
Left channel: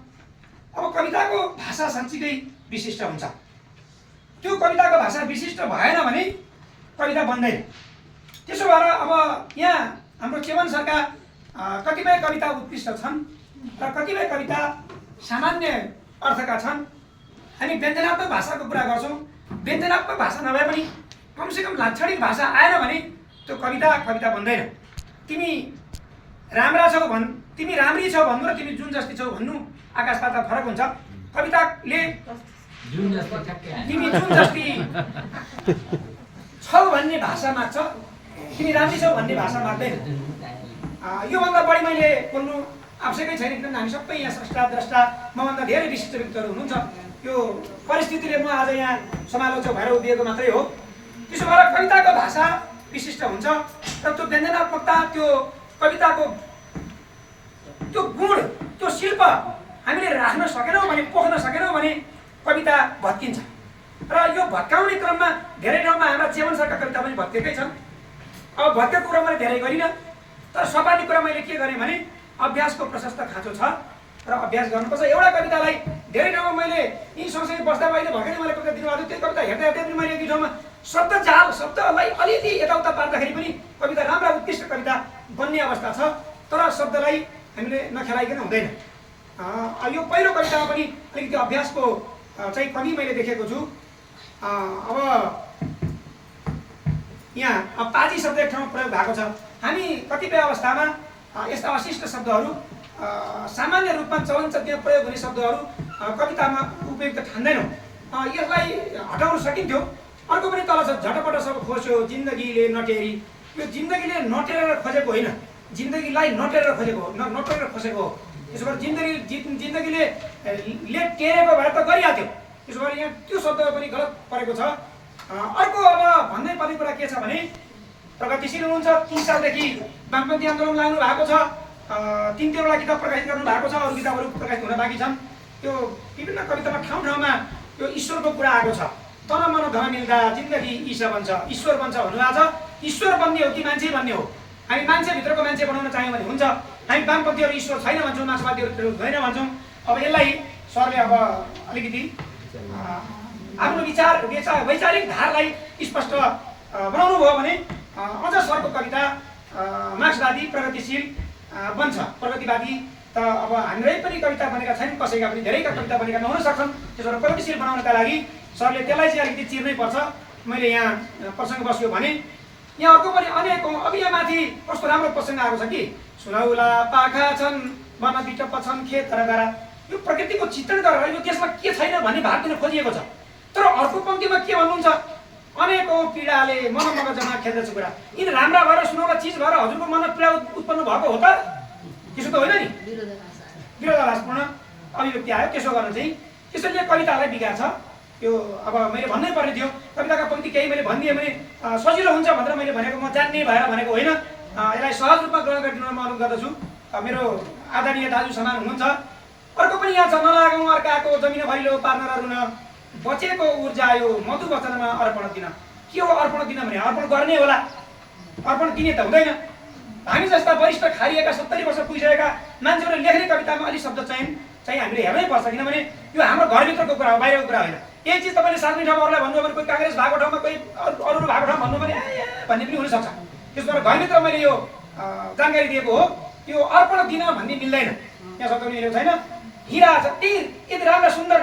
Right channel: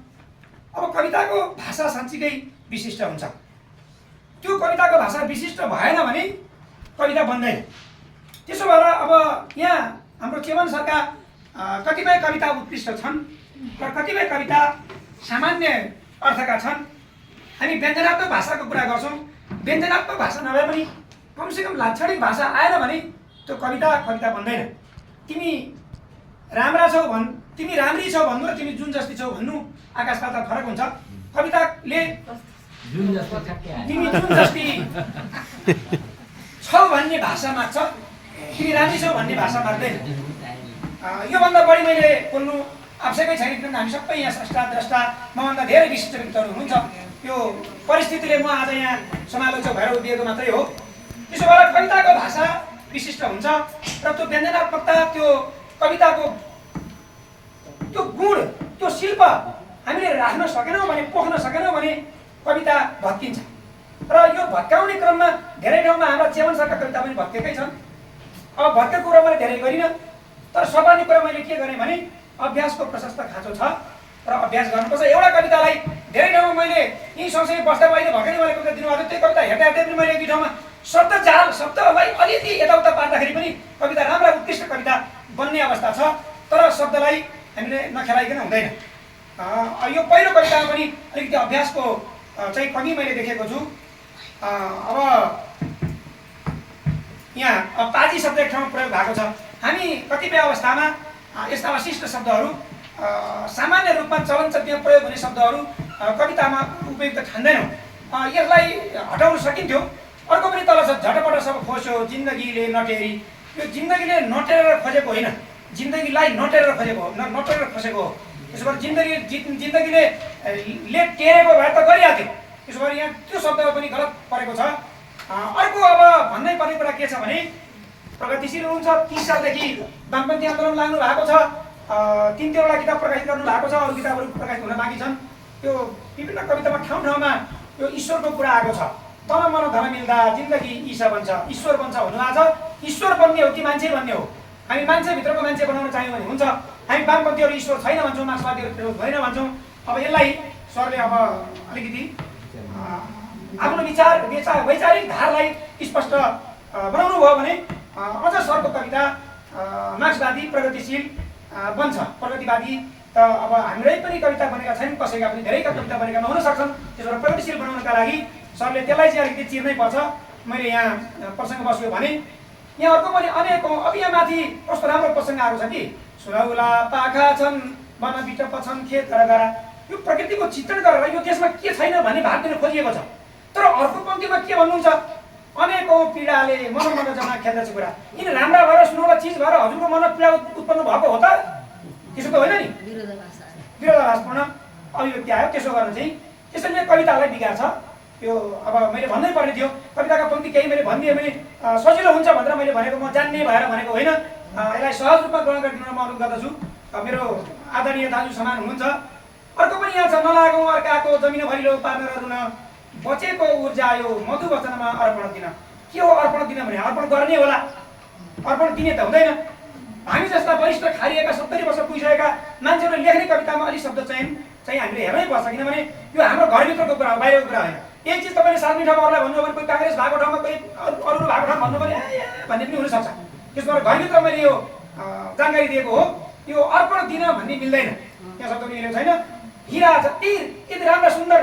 अब कविताको भाषा साँच्चीकै विशिष्ट हुन्छ त्यो कविताको भाषा विशिष्ट भएन भने कविता बन्दैन। त्यसो भएर अब यहाँ हाम्रो चेवन सरका कतिपय कविता उत्कृष्ट छन् र कतिपय कविता सामान्य अर्थका छन्। हामी व्यञ्जनात्मक भाषाको कुरा गर्छौँ, व्यञ्जनात्मक भाषा नभए पनि कमसेकम लाक्षणिक भाषा आएन भने त्यो कविता बन्दैन। तिमी राम्रा छौ तिमी राम्री छौ भन्नु र तिमी जुन जस्ती छौ भन्नु आकाश पाताल फरक हुन्छ। कविताले तिमी जुन जस्ती छौ भन्ने भाषा माग्छ, तिमी राम्री छौ भन्ने भाषा माग्दैन। योभन्दा बढी मैले बोल्नु आवश्यकै छैन, किनभने हामी सबै यहाँ स्रष्टा द्रष्टा मभन्दा धेरै विशिष्ट व्यक्तिहरू हुनुहुन्छ। यो परिस्थितिले म आज यहाँ समालोचक भएर उभिएको मात्रै हो। त्यसो भएर कविताको भाषा विशिष्ट हुन्छ र त्यो व्यञ्जनात्मकता, त्यो कविताको त्यो गुण, त्यो शिल्प हामीले राख्न सकेनौँ भने, पोख्न सकेनौँ भने कविता भत्किन्छ। र यो भत्काउने क्रममा धेरै ठाउँमा हाम्रा चेवन सरका कविता पनि भत्केकै छन्। अब भत्केको कुरा मैले धेरै गरिनँ, तर सपानी कुरा मैले के गरेँ भने अभ्यासको प्रशस्त खाँचो छ र अभ्यास गर्नुपर्छ। एउटा कवितालाई धेरै ठाउँमा मैले यी सँगसँगै बस्दा अहिले भर्खरै मैले कविता दिनुभएको थियो, त्यो कविता हेर्दा हेर्दै पनि मैले एक दुई ठाउँमा शब्दलाई अलिअलि यताउता पार्दाखेरि पनि कविता राम्रा उत्कृष्ट कविता बन्ने अवस्था छ। तर शब्दलाई हामीले नखेलाइकन हुँदैन। यो पहिलो कवितामा पनि अलिकति अभ्यासको चाहिँ कमी मैले देखेको छु। अब यहाँ पाजी शब्द एक ठाउँमा प्रयोग भएको छ। हामी कतिपय अवस्थामा यस्ता अशिष्ट शब्दहरू, सामान्य रूपमा चलनचल्तीमा प्रयोग हुने शब्दहरू कवितामा उपयुक्त ठान्दैनौँ। यसलाई हटाउन सकिन्थ्यो। अर्को पनि तल छ, झटपट सब खोस्यो जिन्दगीले नटेरी। यो जिन्दगीले नटेरेर खोजेको होइन, जिन्दगीलाई नटेरेर खोजेको हो, नटेरेर खोसेको हो। त्यसो भएर जिन्दगीले टेरेको भए त गरिहाल्थ्यो। त्यसो भएर यहाँ त्यो शब्दमा पनि गलत परेको छ। अर्को अब भन्नै पर्ने कुरा के छ भने प्रगतिशील हुनुहुन्छ, 30 सालदेखि वामपन्थी आन्दोलन लाग्नु भएको छ, 3-3वटा किताब प्रकाशित गर्नु भएको छ, अरू किताबहरू प्रकाशित हुन बाँकी छन्। त्यो विभिन्न कवितामा ठाउँ ठाउँमा यो ईश्वरको कुरा आएको छ। तन मन धन मिल्दा जिन्दगी ईशा बन्छ, ईश्वर बन्छ भन्नुभएको छ। ईश्वर बन्ने हो कि मान्छे बन्ने हो? हामी मान्छेभित्रको मान्छे बनाउन चाह्यौँ भने हुन्छ। हामी वामपन्थीहरू ईश्वर छैन भन्छौँ, मार्क्सवादीहरू होइन भन्छौँ। अब यसलाई सरले अब अलिकति आफ्नो वैचारिक धारलाई स्पष्ट बनाउनु भयो भने अझ सरको कविता मार्क्सवादी प्रगतिशील बन्छ। प्रगतिवादी त अब हाम्रै पनि कविता बनेका छैनन्, कसैका पनि धेरैका कविता बनेका नहुन सक्छन्। त्यसो भएर प्रगतिशील बनाउनका लागि सरले त्यसलाई चाहिँ अलिकति चिर्नै पर्छ। मैले यहाँ प्रसङ्ग बस्यो भने यहाँ अर्को पनि अनेकौँ। अब यहाँ माथि कस्तो राम्रो प्रसङ्ग आएको छ कि सुनौला पाखा छन् वन बिटप छन् खेत गरा। यो प्रकृतिको चित्रण गरेर यो देशमा के छैन भन्ने भाग दिन खोजिएको छ। तर अर्को पङ्क्तिमा के भन्नुहुन्छ, अनेकौँ पीडाले मन जमा खेल्दछ कुरा। यिन राम्रा भएर सुनौला चिज भएर हजुरको मनमा पीडा उत्पन्न भएको हो त? त्यसो त होइन नि, विरोधाभासपूर्ण अभिव्यक्ति आयो। त्यसो गर्न चाहिँ त्यसैले कवितालाई बिगार्छ। यो अब मैले भन्नै पर्ने थियो। कविताका पङ्क्ति केही मैले भनिदिएँ भने सजिलो हुन्छ भनेर मैले भनेको, म जान्ने भएर भनेको होइन। यसलाई सहज रूपमा ग्रहण गरिदिन म अनुरोध गर्दछु। मेरो आदरणीय दाजु समान हुनुहुन्छ। अर्को पनि यहाँ छ, नलागौँ अर्काको जमिन भरिलो पार्न र रुन, बचेको ऊर्जा यो मधु वचनमा अर्पण दिन। के हो अर्पण दिन भने? अर्पण गर्ने होला, अर्पण दिने त हुँदैन। हामी जस्ता वरिष्ठ खारिएका 70 वर्ष पुगिसकेका मान्छेहरूले लेख्ने कवितामा अलिक शब्द चाहिँ हामीले हेर्नै पर्छ। किनभने यो हाम्रो घरभित्रको कुरा हो, बाहिरको कुरा होइन। यही चिज तपाईँले सार्वजनिक ठाउँमा अरूलाई भन्नु भने, कोही काङ्ग्रेस भएको ठाउँमा, कोही अरू भएको ठाउँमा भन्नु भने भन्ने पनि हुनसक्छ। त्यसो भएर घरभित्र मैले यो जानकारी दिएको हो। यो अर्पण दिन भन्ने मिल्दैन, यहाँ शब्द मिलेको छैन। हिरा जति यति राम्रा सुन्दर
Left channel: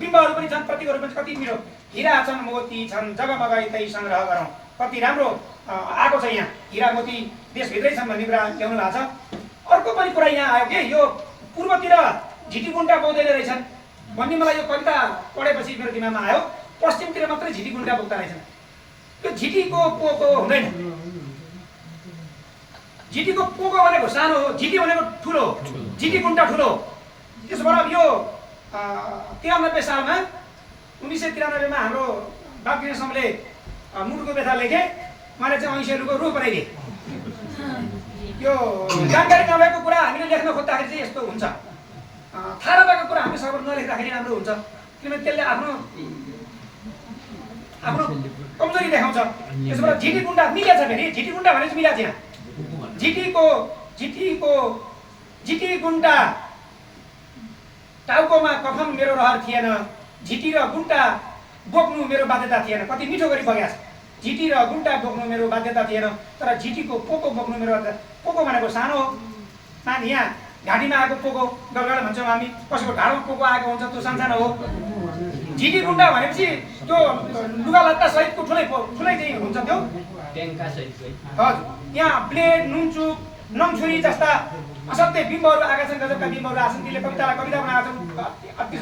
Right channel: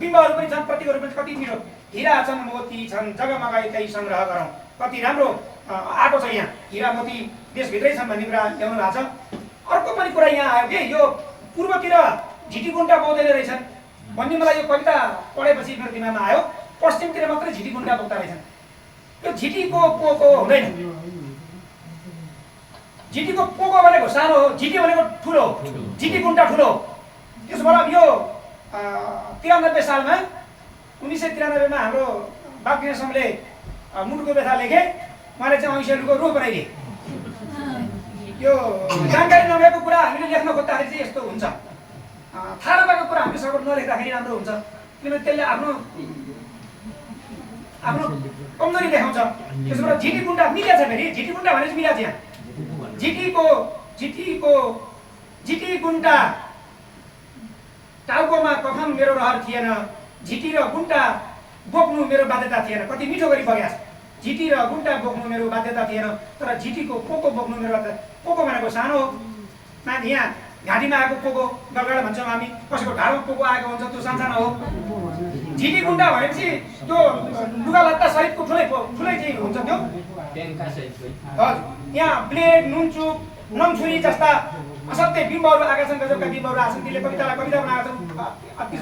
बिम्बहरू पनि छन्, प्रतीकहरू पनि कति मिठो। हिरा छन् मोती छन् जगमगाई तै सङ्ग्रह गरौँ। कति राम्रो आएको छ यहाँ। हिरा मोती देशभित्रै छन् भन्ने कुरा ल्याउनु भएको छ। अर्को पनि कुरा यहाँ आयो कि यो पूर्वतिर झिटिकुन्टा बोक्दैन रहेछन् भन्ने मलाई यो कविता पढेपछि मेरो दिमागमा आयो। पश्चिमतिर मात्रै झिटिकुन्टा बोक्दा रहेछन्। यो झिटीको पोको हुँदैन। झिटीको पोको भनेको सानो हो, झिटी भनेको ठुलो हो, झिटिकुन्टा ठुलो हो। त्यसो भएर यो 93 सालमा 1993 मा हाम्रो बाबुकिरण समले मुटुको व्यथा लेखे। उहाँले चाहिँ ऐसेलुको रूप बनाइदिए। यो जानकारी नभएको कुरा हामीले लेख्न खोज्दाखेरि चाहिँ यस्तो हुन्छ। थाहा नभएको कुरा हामीले सबै नलेख्दाखेरि राम्रो हुन्छ। किनभने त्यसले आफ्नो कमजोरी देखाउँछ। त्यसो भएर झिटिकुन्टा मिलेको छ फेरि। झिटिकुन्टा भनेपछि मिलाएको छ यहाँ। झिटिकुन्टा टाउकोमा कफन मेरो रहर थिएन, झिटी र गुन्टा बोक्नु मेरो बाध्यता थिएन, कति मिठो गरी बगेको छ। झिटी र गुन्टा बोक्नु मेरो बाध्यता थिएन, तर झिटीको पोको बोक्नु मेरो बाध्यता। पोको भनेको सानो हो, माथि यहाँ घाँटीमा आएको पोको गलगडा भन्छौँ हामी, कसैको ढाडमा पोको आएको हुन्छ त्यो सानसानो हो। झिटी गुन्डा भनेपछि त्यो लुगा लत्ता सहितको ठुलै चाहिँ हुन्छ त्यो। हजुर, यहाँ ब्लेड, नुनचुक, नङछुरी जस्ता असाध्यै बिम्बहरू आएका छन्, गजबका बिम्बहरू आएका छन्। त्यसले कवितालाई कविता बनाएका छन्। अति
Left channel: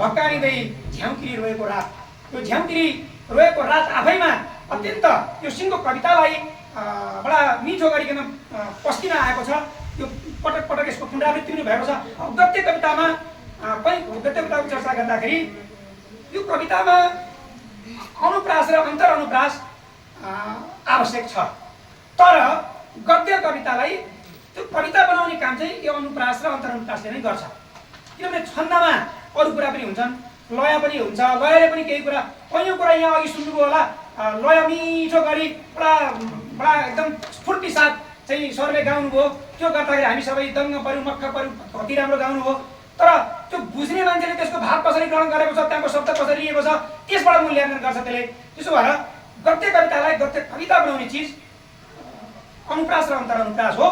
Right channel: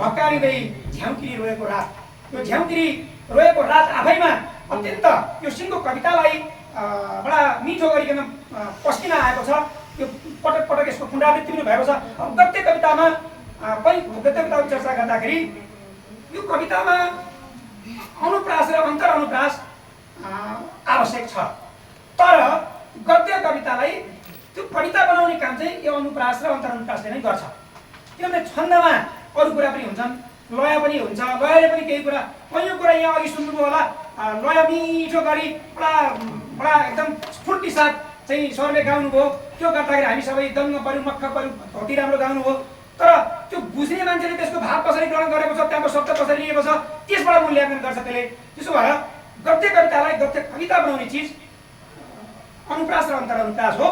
भक्कारिँदै झ्याउकिरी रोएको रात, त्यो झ्याउकिरी रोएको रात आफैमा अत्यन्त यो सिङ्गो कवितालाई बडा मिठो गरिकन पस्किन आएको छ। यो पटक पटक यसको पुनरावृत्ति पनि भएको छ। अब गद्य कवितामा गद्य कविताको चर्चा गर्दाखेरि यो कवितामा अनुप्रास र अन्तर अनुप्रास आवश्यक छ, तर गद्य कवितालाई त्यो कविता बनाउने काम चाहिँ यो अनुप्रास र अन्तर अनुप्रासले नै गर्छ। किनभने छन्दमा अरू कुरा पनि हुन्छन्, लय पनि हुन्छ, लयले पनि केही कुरा, कैयौँ कुरा यहाँ अघि सुन्नुभयो होला, लय मिठो गरी बडा एकदम स्फूर्ति साथ चाहिँ स्वरले गाउनुभयो। त्यो गर्दाखेरि हामी सबै दङ्ग पऱ्यौँ, मक्ख पऱ्यौँ, कति राम्रो गाउनुभयो। तर त्यो बुझ्ने मान्छेले त्यसको भाव कसरी ग्रहण गरेको छ, त्यहाँको शब्द कसरी लिएको छ, त्यसबाट मूल्याङ्कन गर्छ त्यसले। त्यसो भएर गद्य कवितालाई गद्य कविता बनाउने चिज अनुप्रास र अन्तर अनुप्रास हो।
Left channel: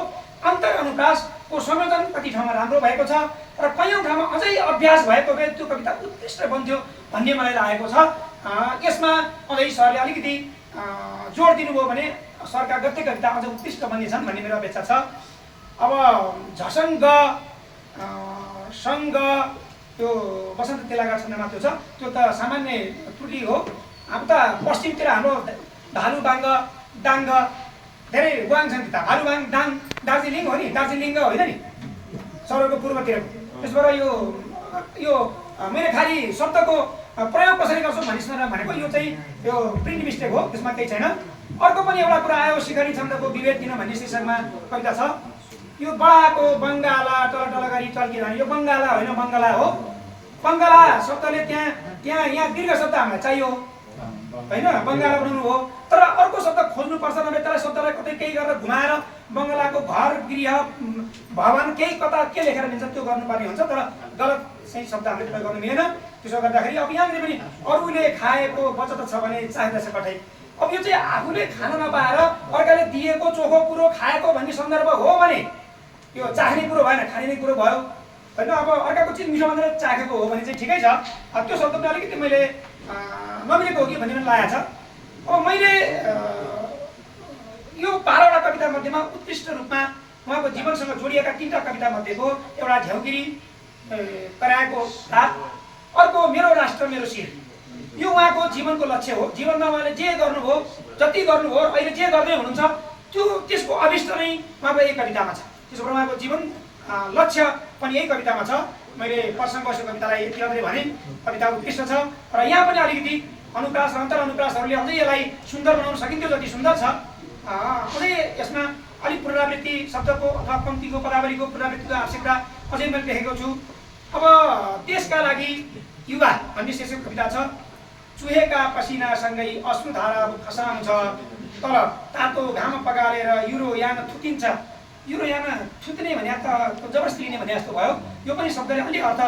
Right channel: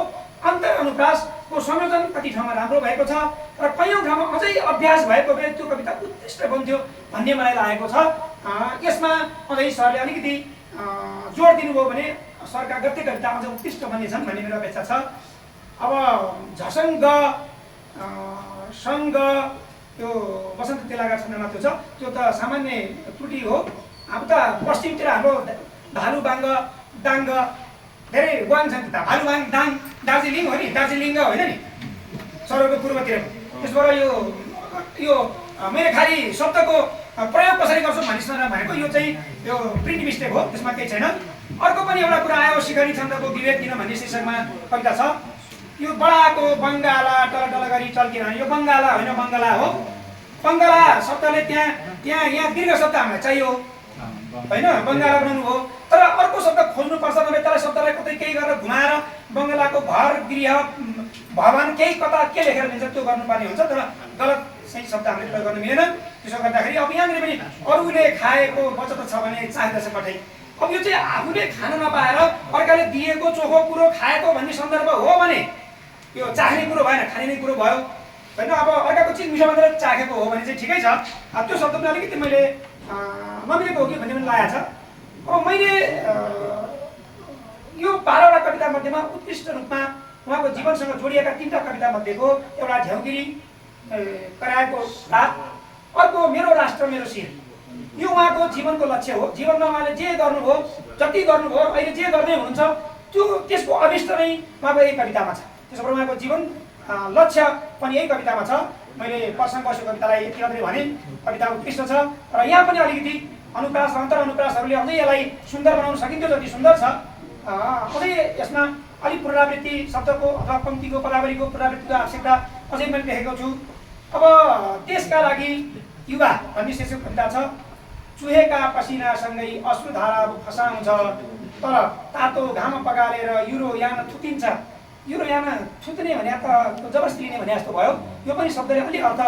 अन्तर अनुप्रासको संयोजन कति ठाउँमा राम्रो भएको छ, तर कैयौँ ठाउँमा अझै अभ्यास भएको भए त्यो कविता उत्कृष्ट बन्थ्यो भन्ने मलाई लागेको छ। यसमा अझै सरले अलिकति जोड दिनुभयो भने सरका गद्य कविता अझ उत्कृष्ट बन्नेछन् भन्ने मेरो अपेक्षा छ। अब झसङ्ग सङ्ग त्यो बसन्त तेलाका छन्दमा त्यो छ, त्यो त सामान्य त्रुटि हो। अब त पश्चिमतिर हाम्रो भालुबाङ दाङ्ग धेरै वाङ छन्, भालुबाङ दाङ दार्जिलिङ हो नि, दार्जिलिङ होइन नि सरहरूको पूर्वतिर। त्यसबाट यो मैले खालि शब्दको प्रयोग कसरी गर्छु भनेको यो चाहिँ यो प्रिन्ट मिस्टेक हो, त्यसमा केही छैन। अर्को पनि एउटा कुरा आयो, शिखरी छन्दको विवेक किन भन्ने शीर्षकमा कविता छ। यो बडाको बङ्गाला टलटल गरी चल्किरहने, यो बङ्गाला होइन बङ्गला हो। बङ्गला शब्दले यहाँ दीर्घ शब्द हामीलाई चाहियो होइन, बङ्गाला बनाउनु हो। तर अर्को शब्द खोज्नुपर्छ भने त्यसलाई शब्दलाई कतै केही गरेर घुमाएर बङ्गलाको घर गृह भवन केही कता के लेखेर दिन्छ त्यो गर्नुपर्ने हुन्छ, तर गलत सही शब्द हामीले प्रयोग गर्नु मिलेन। त्यसो गर्दाखेरि अब यहाँनिर पनि अरूले खाएको बचत छ भने चाहिँदछ कतै। अब यो चाहिँ आफूले खान नपाएर अर्काले दिएको चोखो कुरो खाएको भन्ने सन्दर्भ हो भने यो चाख्ने कुरो भएन, खाने कुरो भयो होइन। अब अर्काको चिज मिठो भनेर चाखेको हो भने चाहिँ ठिकै छ। त्यो शब्द पनि अलिकति मैले नमिलेको हो कि भन्ने पनि लागेको छ। अब मैले यो 12वटा कविता मध्येमा उत्कृष्ट रूपमा उहाँको जीवनसँग जोडिएका 3टा कविता मध्येको एउटा झ्याउगिरी कराएको रात, अर्को मेरो राष्ट्र मेरो शिर, यो उहाँको जीवनको लक्ष्य हो। जीवनमा उहाँले जे गर्नुभयो, जति गर्नुभयो, अहिले जे गर्दै हुनुहुन्छ त्यो त्यसको अभिष्ट नै उहाँको यही कवितामा छ। त्यसो भएर उहाँको जीवन लक्ष्य पनि यही कवितामा छ। मैले प्रसङ्ग कवितालाई यति मात्रै भने, कविता उत्कृष्ट छ, तर यहाँ पनि अलिकति अनुप्रास र अन्तर अनुप्रासहरूले अझै यसलाई सुन्दर बनाउन सकिन्थ्यो जति सुन्दर छ। अझै यसमा अलिक पुनरावृत्ति शब्दको अथवा पङ्क्तिको पदावलीको पुनरावृत्तिको आवश्यकता अझै मैले देखेको छु। अब देशका लागि युवा भन्ने शीर्षक कविता छ। चुहेका पसिनासँगै अश्रुधारा खसाउँछ, तर तातो घाम पगालेर युरोयान थुकिन्छ। युरोयान थुक्ने भने त जबरजस्ती लिने भने जस्तो भयो। यो पनि शब्दले अलिक अर्थ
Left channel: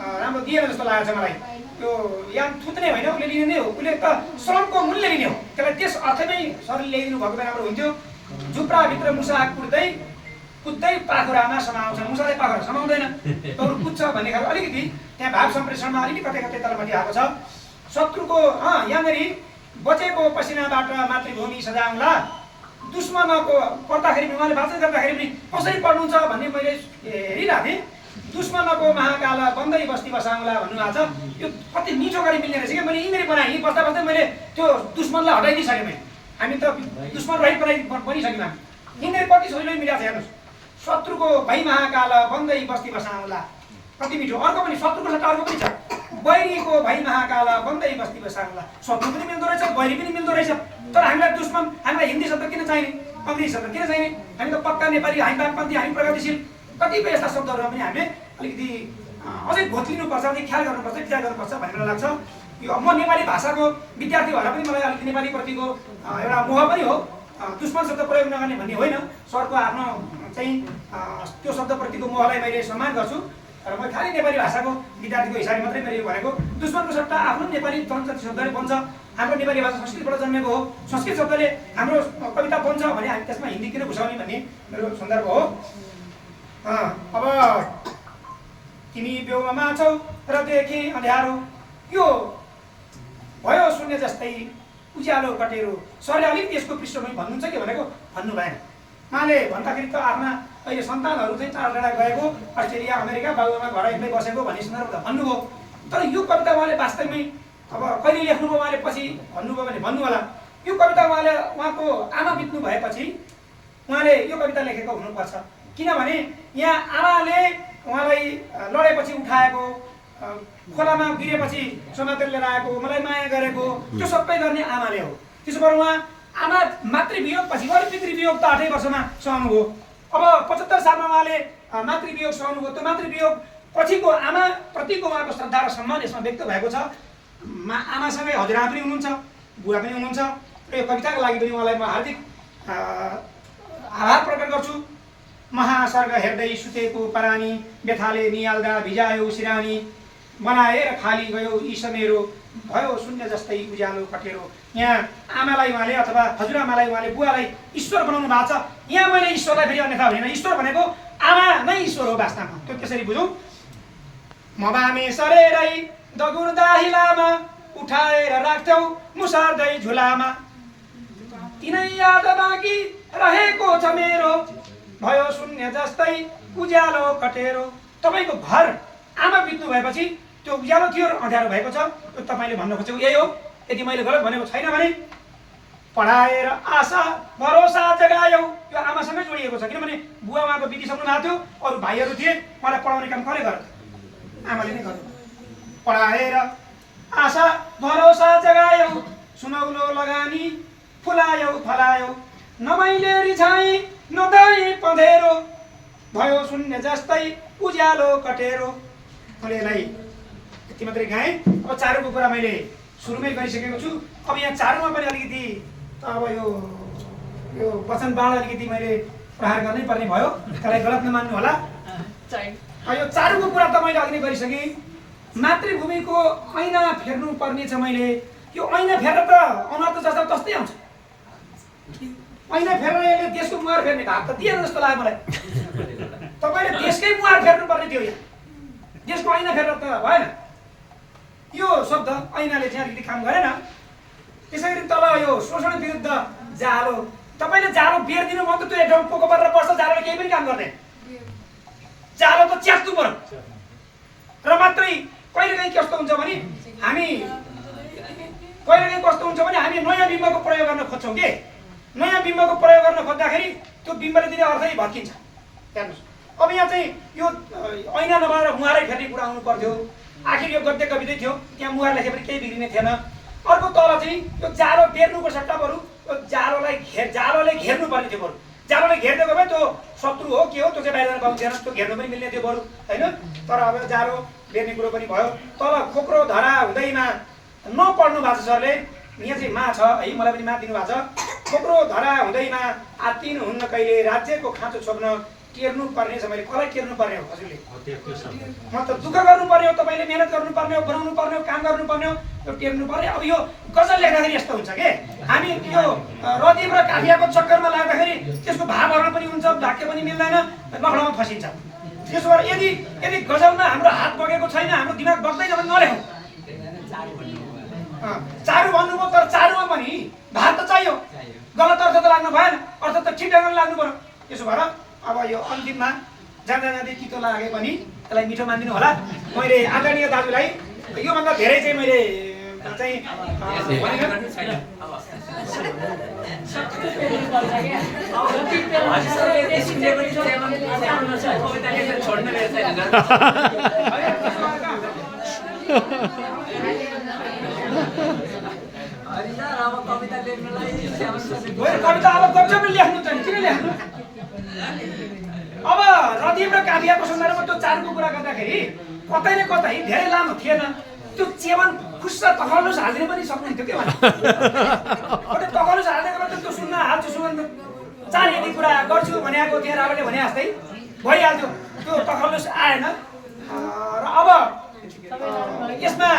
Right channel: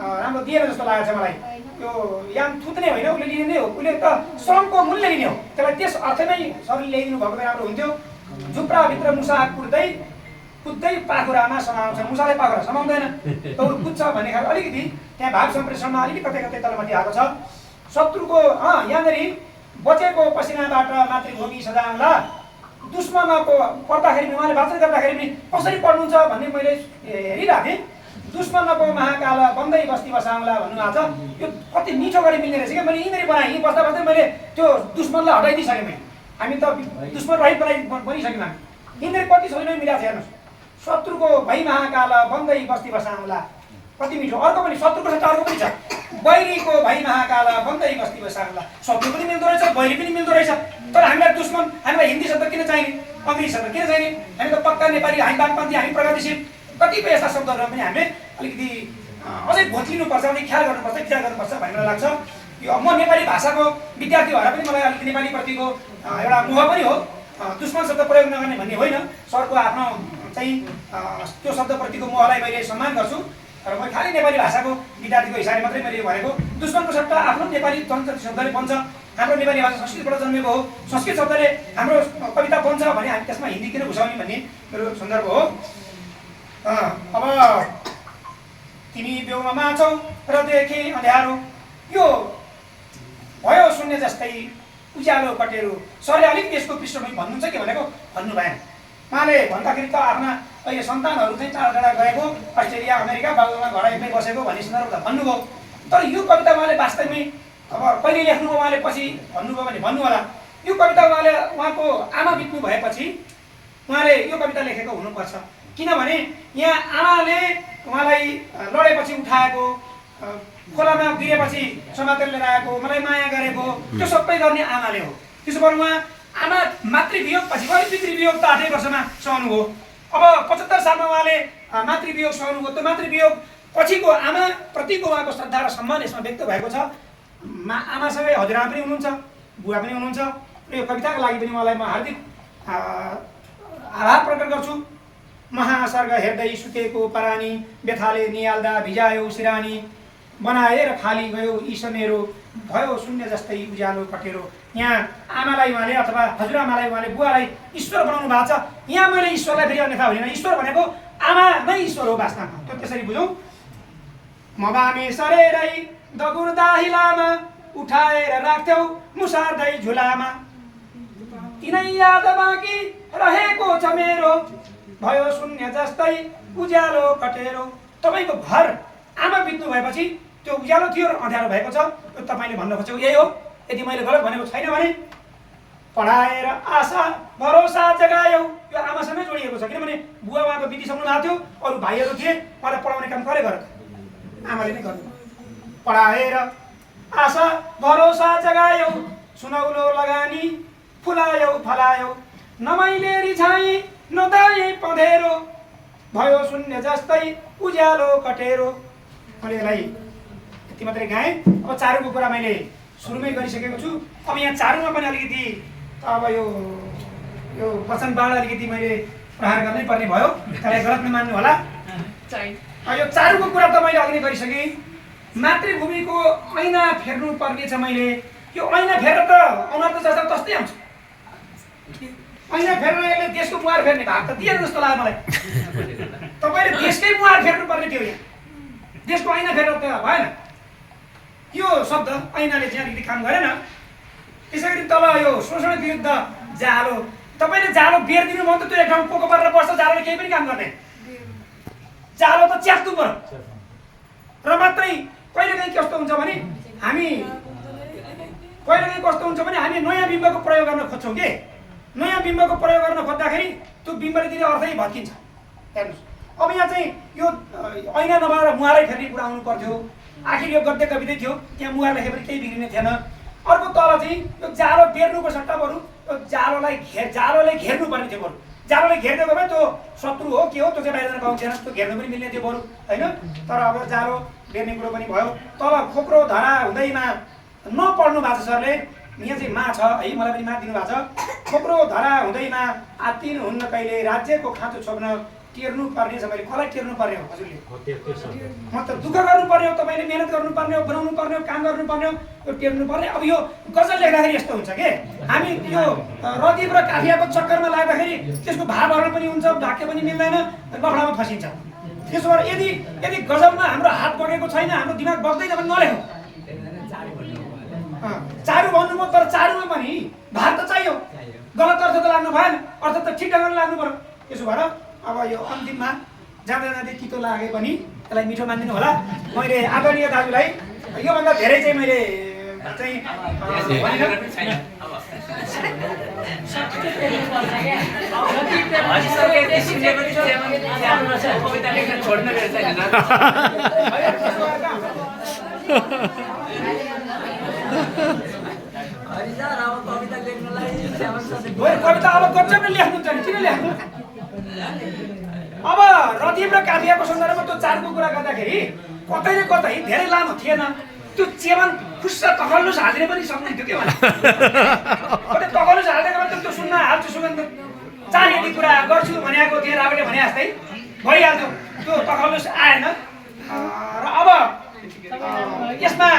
राम्रो दिएन जस्तो लागेको छ मलाई। यो यान थुक्ने होइन, उसले लिने हो, उसले त श्रमको मूल्य लिने हो। त्यसलाई त्यस अर्थमै सरले ल्याइदिनु भएको भए राम्रो हुन्थ्यो। झुप्राभित्र मुसा कुद्दै पाखुरामा समाउँछ, मुसाले पाखुरा समाउँदैन, तौर कुद्छ भन्ने खालको अलिकति त्यहाँ भाव सम्प्रेषणमा अलिकति कतै कतै तलमाथि आएको छ। शत्रुको यहाँनिर बचेको पसिनाबाट मातृभूमि सजाउँला, दुश्मनको पढ्दाखेरि उहाँले वाचन गर्दाखेरि पनि कसरी पढ्नुहुन्छ भन्ने मैले हेरिरहेको थिएँ। दुश्मनको महाकाल बन्दै बस्ती बसाउँला भन्नुभएको छ। यो कति मिठो गरी मिल्ने रहेछ क्या। मैले यहीँनिर बनाएँ, यहीँ बस्दा बस्दै मैले त्यो दुश्मनलाई हटाइदिइसकेँ। मैले हामी त दुश्मन रहित बनिसक्यौँ हामी। यहीँनिर कति सजिलै मिलाएको छ हेर्नुहोस्। शत्रुको भई महाकाल बन्दै बस्ती बसाउँला, कति मिठो। अर्को पनि शत्रुको साथ अर्को पनि छ, बैरीको भई महाकाल बन्दै बस्ती बसाउँला। शत्रु पनि मिल्दो रहेछ, बैरी पनि मिल्दो रहेछ। तर हामीलाई दुश्मन, हामीलाई हिन्दी शब्द किन चाहिने, अङ्ग्रेजी शब्द किन चाहिने? हामी त पक्का नेपाली, हामी वामपन्थी, हामी प्रगतिशील। कतिपय यस्ता शब्दहरूमा पनि हामीले अलिकति अझै भोत्लिनुपर्छ, अझै ख्याल गर्नुपर्छ, विचार गर्नुपर्छ भन्ने मलाई लाग्छ। यो म नेपाली भाषाको विद्यार्थी भएर पनि मलाई अलिकति नेपालीप्रतिको एउटा मोह पनि हो। दुश्मन शब्द प्रयोग नगर्ने भन्ने होइन, सरको आफ्नो चाहिँ त्यो शब्दप्रतिको मोहलाई मैले सम्मान गर्छु। र म खालि नेपाली भाषाको विद्यार्थीको हिसाबले मात्रै मैले भनेको दुश्मनको सट्टा आफ्नो नेपाली संस्कृत शब्दले बन्छ हाम्रो नेपाली भाषा संस्कृतबाट जन्मेको हो संस्कृत शब्दले हाम्रो कविता बन्छ भने हामी त्यसमा हिन्दी किन घुसाउने भन्ने मेरो सन्दर्भ हो। अब तिमी बेउमा छौ र देखे अँध्यारो यो भयो शून्य जस्तै उज्यालो कटेरो। सरले अलिकति यसको पृष्ठभूमि भन्नुहुन्छ कि भनेको भन्नु भएन। उहाँले भन्दाखेरि त आफ्ना अहिले सन्तानहरू चाहिँ टाढा टाढा गएको अस्ट्रेलिया अमेरिका बाबुमा घर एक्लै बसेको भन्ने सन्दर्भ त भन्नुभयो। तर यो कविता उहाँले वास्तवमै अब कहिले लेख्नुभयो उहाँले पछि भन्नुभयो भने भन्नु होला। यो कविता उहाँले उहाँको आमा बित्नु भएपछि उहाँले यो कविता लेखेको हुनुपर्छ। किनभने यहाँ आमाले उहाँलाई लडेपछि उठाएको, खोलामा गिरेपछि समातेर लिएर आएको, मलाई माया गरेको, त्यो सबै गर्ने आमाले हो। त्यसो भएर उहाँ आमा मातृवियोगपछि उहाँले पितृवियोग त 8 वर्षमा सहनुभयो। अब 75 सालमा उहाँले मातृवियोग सहनुभयो। त्यो मातृवियोग पछिको आमाप्रतिको उहाँको श्रद्धा र सम्मान यसमा व्यक्त भएको छ। आमासँगै हजुरआमा पनि हुनुहुन्छ, बुवा पनि हुनुहुन्छ। यो कविताको लागि पनि उहाँलाई म हार्दिक आभार प्रकट गर्छु। महासर्ग हेर्दै सुतेको परानी, व्यथाले निहाल्दा भिजायो सिरानी, बनाएर खाली गयो ईश मेरो, भयो शून्य जस्तै उज्यालो कटेरो। यहाँ आमालाई उहाँले अथवा हजुरआमालाई उहाँले बुवालाई ईश्वर बनाउनु भएको छ। यहाँ मैले ईश्वरलाई फेरि अन्यथा भनेन, ईश्वर भनेको आमा नै ईश्वर हो वास्तवमा। त्यो त्यसरी बुझौँ। म बामे सरेरै दगुर दाहिलामा, उठाएर राख्थ्यौ मुसार्दै झुलामा, तिनै याद बाँकी रहेको छ मेरो, भयो शून्य जस्तै उज्यालो कटेरो। तपाईँको घर आमा बित्नु भएपछि त्यो उज्यालो थियो र अँध्यारो भएको छ। त्यो तपाईँले भन्न खोजेको यही हो। यदि मैले गलत भनेको छैन भने पढाएर आशा भरोसा जगायौ, यो आमासँगै जोडिएको छ। किनभने बुवा उहाँको बितिसक्नु भएको थियो, अरू भाइहरू थिए, उहाँलाई पढाउने काम कसले गर्यो? आमाले नै गर्नु। पढाएर आशा भरोसा जगायौ, सुनौलो लगानी फुलायौ फलायौ, नमैले रिझाएँ नदै पँधेरो, भयो शून्य जस्तै उज्यालो कटेरो। मैले यसलाई यति मात्रै गाएँ। अब चारुको कुरा मैले सुरुमै गरिसकेको छु। अब यहाँ चारुमा पनि अलिकति अब यो वचन बाण अलिकति मैले प्रहार गर्नै पर्ने भयो। त्यसलाई गलत नमान्नु होला। यो चारुको कुरा त मैले अघि नै गरिसकेँ। मातृभूमिको ऐना फेर्नु पर्ने छ। मैले यो ऐना फेरेर त अनुहार त जस्तो तस्तै आउँछ। ऐना फेरेर यसले देशको मुहार फेर्ने भाग त दिएन जस्तो लाग्यो मलाई। तपाईँले देशकै मुहार फेर्नु पर्ने थियो। यहाँ देशको ऐना फेरेर त भएन। यो शब्द ऐनाले चाहिँ अलिकति काम गरेन। त्यसै गरी तल यो शोषण विरुद्ध जालो, तपाईँले जालो बेर्दिनु भयो त त्यो एक ठाउँ पोको परेर बस्छ, जालोले केही पनि काम गर्दैन। जालो त च्यात्नु पर्यो। र मात्रै कहिलेकाहीँ कस्तो हुन्छ भने हामी नयाँ बिम्बको प्रयोग गर्न खोज्छौँ कि नयाँ बिम्बको प्रयोग गर्न खोज्दाखेरि त्यो बिम्बले दिने अर्थ नै भत्किन्छ। हेर्नुहोस्, अब यहाँ चाहिँ यो ऐना नभएर मुहारै फेर्ने कुरा आउनु पर्थ्यो। आखिर यो गद्य कवितै थियो, त्यहाँ मुहार लेखे पनि केही बिग्रिने थिएन। अर्को तल चाहिँ यो जालो बेर्नुको सट्टा बरु यो जालोले घेर्नु पर्ने थियो। बरु जालोले घेर्दै गयो भने त्यो शत्रु हो के हो त्यो चाहिँ बाहिर जान पाउँदैन, त्यो घेर्नु पनि मिल्ने थियो बरु, होइन? तर अब जालो बेर्ने कुरो पनि भयो। तल खोक्रो धरा हुँदैमा नपढ्नु भएको छ सरले। यहाँ चाहिँ मा छ है, मलाई पनि मा दिनु भएको छ। खोक्रो धरा हुँदैमा आत्तिनु हुन्न कहिले, राज्यको खाँचो छोप्न टेर्नु पर्ने छ। मैले कसलाई टेर्नु पर्ने हो हजुरले? मतलब दुःख गर्नुपर्ने हो, तपाईँले मेहनत गर्नुपर्ने हो, बनाउनु पर्ने हो, काम गर्नुपर्ने हो, यो टेर्नु पर्ने। अब यो गजल लेख्दाखेरि यस्तो हुन्छ कि हामी यो रदीप र काफियाको चक्करमा लाग्दाखेरि त्यसको भावहरू पनि हुन्छ, वाक्य पनि मिल्दैन, लफडामा फसिन्छ। त्यसो भएर यदि गजलमा हाम्रो हात बगेको छैन, हाम्रो दिमाग बग्दै छ भने नलेखौँ। चारु भन्नुभयो, तर चारुमा पनि भाग त चाहियो। गलत अर्थ त लाग्नु भएन, अर्थ त ठिक ढङ्गले लाग्नु पर्यो। त्यसो भएर अब यो अन्तिममा जाँदा जाँदै कितो लागे पनि त्यसलाई मिठो मानिदिनु होला। मैले आदरणीय दाजुलाई योभन्दा धेरै चाहिँ मैले चाहिँ कविता अब गप्छ पनि लेख्नुहुन्छ नि, किन लेख्नु? अब रदीप र काफियाको सन्दर्भमा त्यो चारको कुरा गर्दाखेरि कतै धेरै लामो थिएन। त्यो चेवन खुस्सा तखल्लुस हाल्दिन पनि सक्नुहुन्थ्यो के भने कतै तखल्लुस हाल्दै गर्दा त्यो सुन्न हाल्छु सुगन्ध चार यदि कुरा गर्छु भनेको त्यहाँ राबेले भने जस्तै भइहाल्थ्यो। त्यो तखल्लुस आएन। र अब यसमा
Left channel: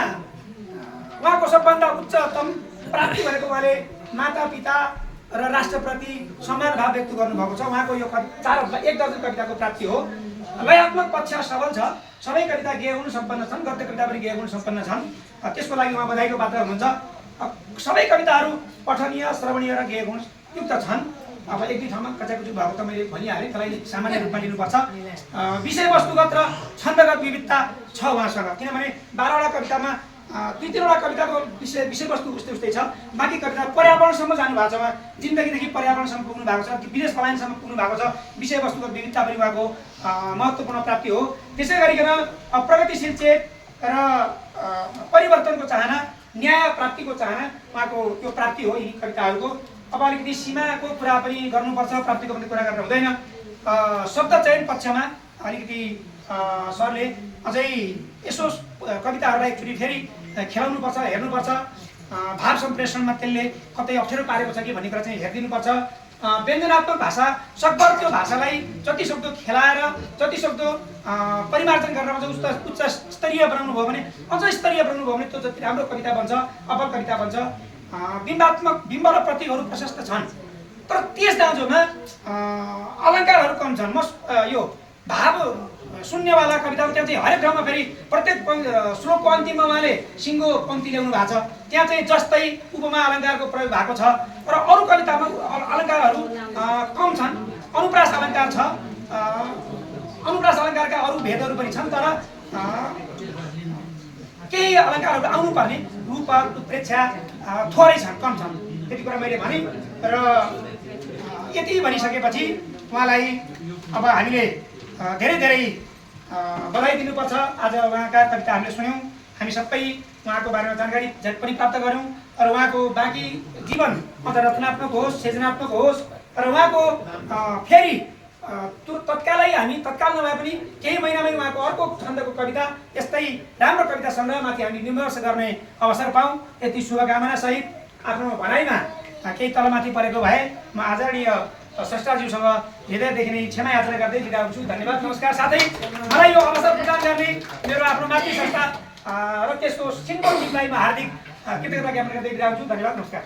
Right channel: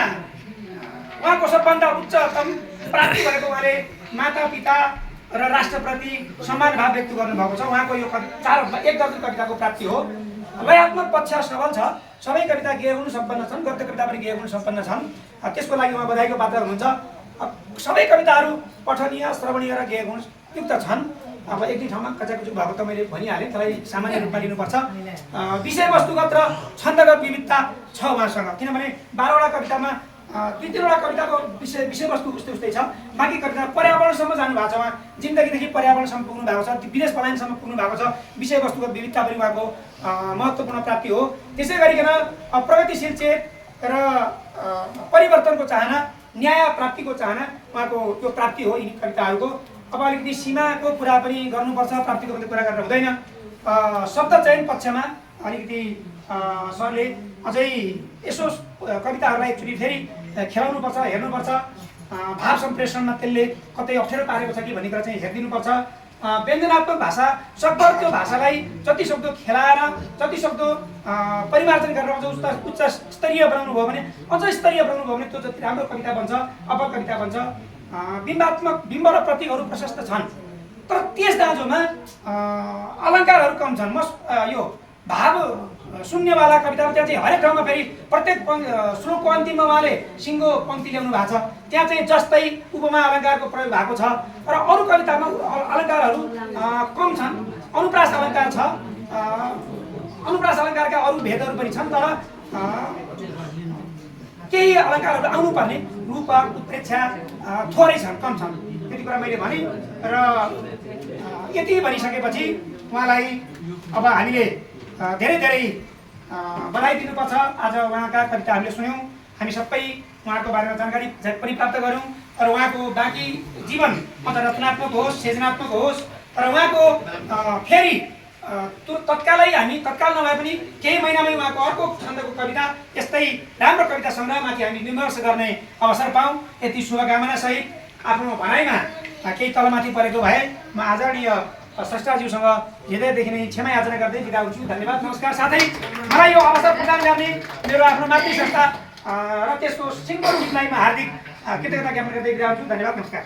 उहाँको सबभन्दा उच्चतम प्राप्ति भनेको उहाँले माता पिता र राष्ट्रप्रति सम्मान भाव व्यक्त गर्नुभएको छ। उहाँको यो एक दर्जन कविताको प्राप्ति हो। लयात्मक पक्ष सबल छ। सबै कविता गेय गुण सम्पन्न छन्, गद्य कविता पनि गेय गुण सम्पन्न छन्। त्यसको लागि उहाँ बधाईको पात्र हुनुहुन्छ। सबै कविताहरू पठनीय, श्रवणीय र गेय गुण युक्त छन्। अब एक दुई ठाउँमा कचाकुचुक भएको त मैले भनिहालेँ, त्यसलाई सामान्य रूपमा लिनुपर्छ। विषयवस्तुगत र छन्दगत विविधता छ उहाँसँग, किनभने 12वटा कवितामा 3-3वटा कविताको विषयवस्तु उस्तै उस्तै छ। बाँकी कविता पर्यावरणसम्म जानु भएको छ। उहाँ जिन्दगीदेखि पर्यावरणसम्म पुग्नु भएको छ, विदेश पलायनसम्म पुग्नु भएको छ। विषयवस्तुगत विविधता पनि उहाँको महत्त्वपूर्ण प्राप्ति हो। त्यसै गरिकन प्रगतिशील चेत र परिवर्तनको चाहना, न्याय प्राप्तिको चाहना उहाँको त्यो प्राप्ति हो यिनी कविताहरूको। अब अलिकति सीमाको कुरा पनि गर्नुपर्छ, प्राप्तिको पनि कुरा गरेर हुँदैन। शब्द चयन पक्षमा अलिकति सरले अझै यसो कविताहरूलाई एकचोटि फेरि खेलाउनुपर्छ, हेर्नुपर्छ। भाव सम्प्रेषणमा त्यसले कतै अप्ठ्यारो पारेको छ कि भन्ने कुरा चाहिँ हेरिदिनुपर्छ। व्यञ्जनात्मक भाषा सकभर त्यो भाषालाई जति सक्दो खेलाएर, जति सक्दो परिमार्जन गरेर उच्च स्तरीय बनाउनु भयो भने, अझ स्तरीय बनाउनु भयो भने त्यो जति राम्रो कविता बन्छ, अपकविता बन्छ। बिम्ब र प्रतीकहरू प्रशस्त छन्, तर त्यस दाँजोमा अलङ्कारहरू कम छन्। यो भाव शून्यवाला कविताहरू त्यहाँ चाहिँ हरेक ठाउँमा फेरि प्रत्येक श्लोकको अन्तिममा उहाँले सिङ्गो पङ्क्ति ल्याउनु भएको छ। त्यहाँ चाहिँ जस्तै उपमा अलङ्कारको प्रयोग भएको छ। र अरू कवितामा अलङ्कारहरू कम छन्। अनुप्रास अलङ्कार छ। अनुप्रास अलङ्कारका अरू भेदहरू पनि छन्, तर केही अलङ्कारहरू आउनुपर्ने रूपक, उत्प्रेक्षा थोरै छन्, कम छन्। त्यति कुरा मैले भने। र यति भनिसकेपछि उहाँलाई अब हामीले धेरै धेरै बधाई दिनुपर्छ। आज उहाँका कविता हामीले सुन्यौँ, हामी सबै उहाँको बारेमा जानकारी पनि प्राप्त गऱ्यौँ। र उहाँको बाँकी जीवन अझ रचनात्मक होस्, सृजनात्मक होस्। र उहाँको फेरि त्यो तत्काल नभए पनि केही महिनामै उहाँको अर्को छन्दको कविता, यस्तै राम्रो कविता सङ्ग्रहमाथि हामी विमर्श गर्ने अवसर पाऊँ। यति शुभकामना सहित आफ्नो भनाइमा केही तलमाथि परेको भए म आदरणीय स्रष्टाज्यूसँग हृदयदेखि नै क्षमा याचना गर्दै बिदा हुन्छु। धन्यवाद, नमस्कार। साथै मलाई यो अवसर प्रदान गर्ने मेरो आफ्नो मातृ संस्था र त्यसको सिङ्गो टिमलाई म हार्दिक कृतज्ञता ज्ञापन गर्दै बिदा हुन्छु। धन्यवाद, नमस्कार।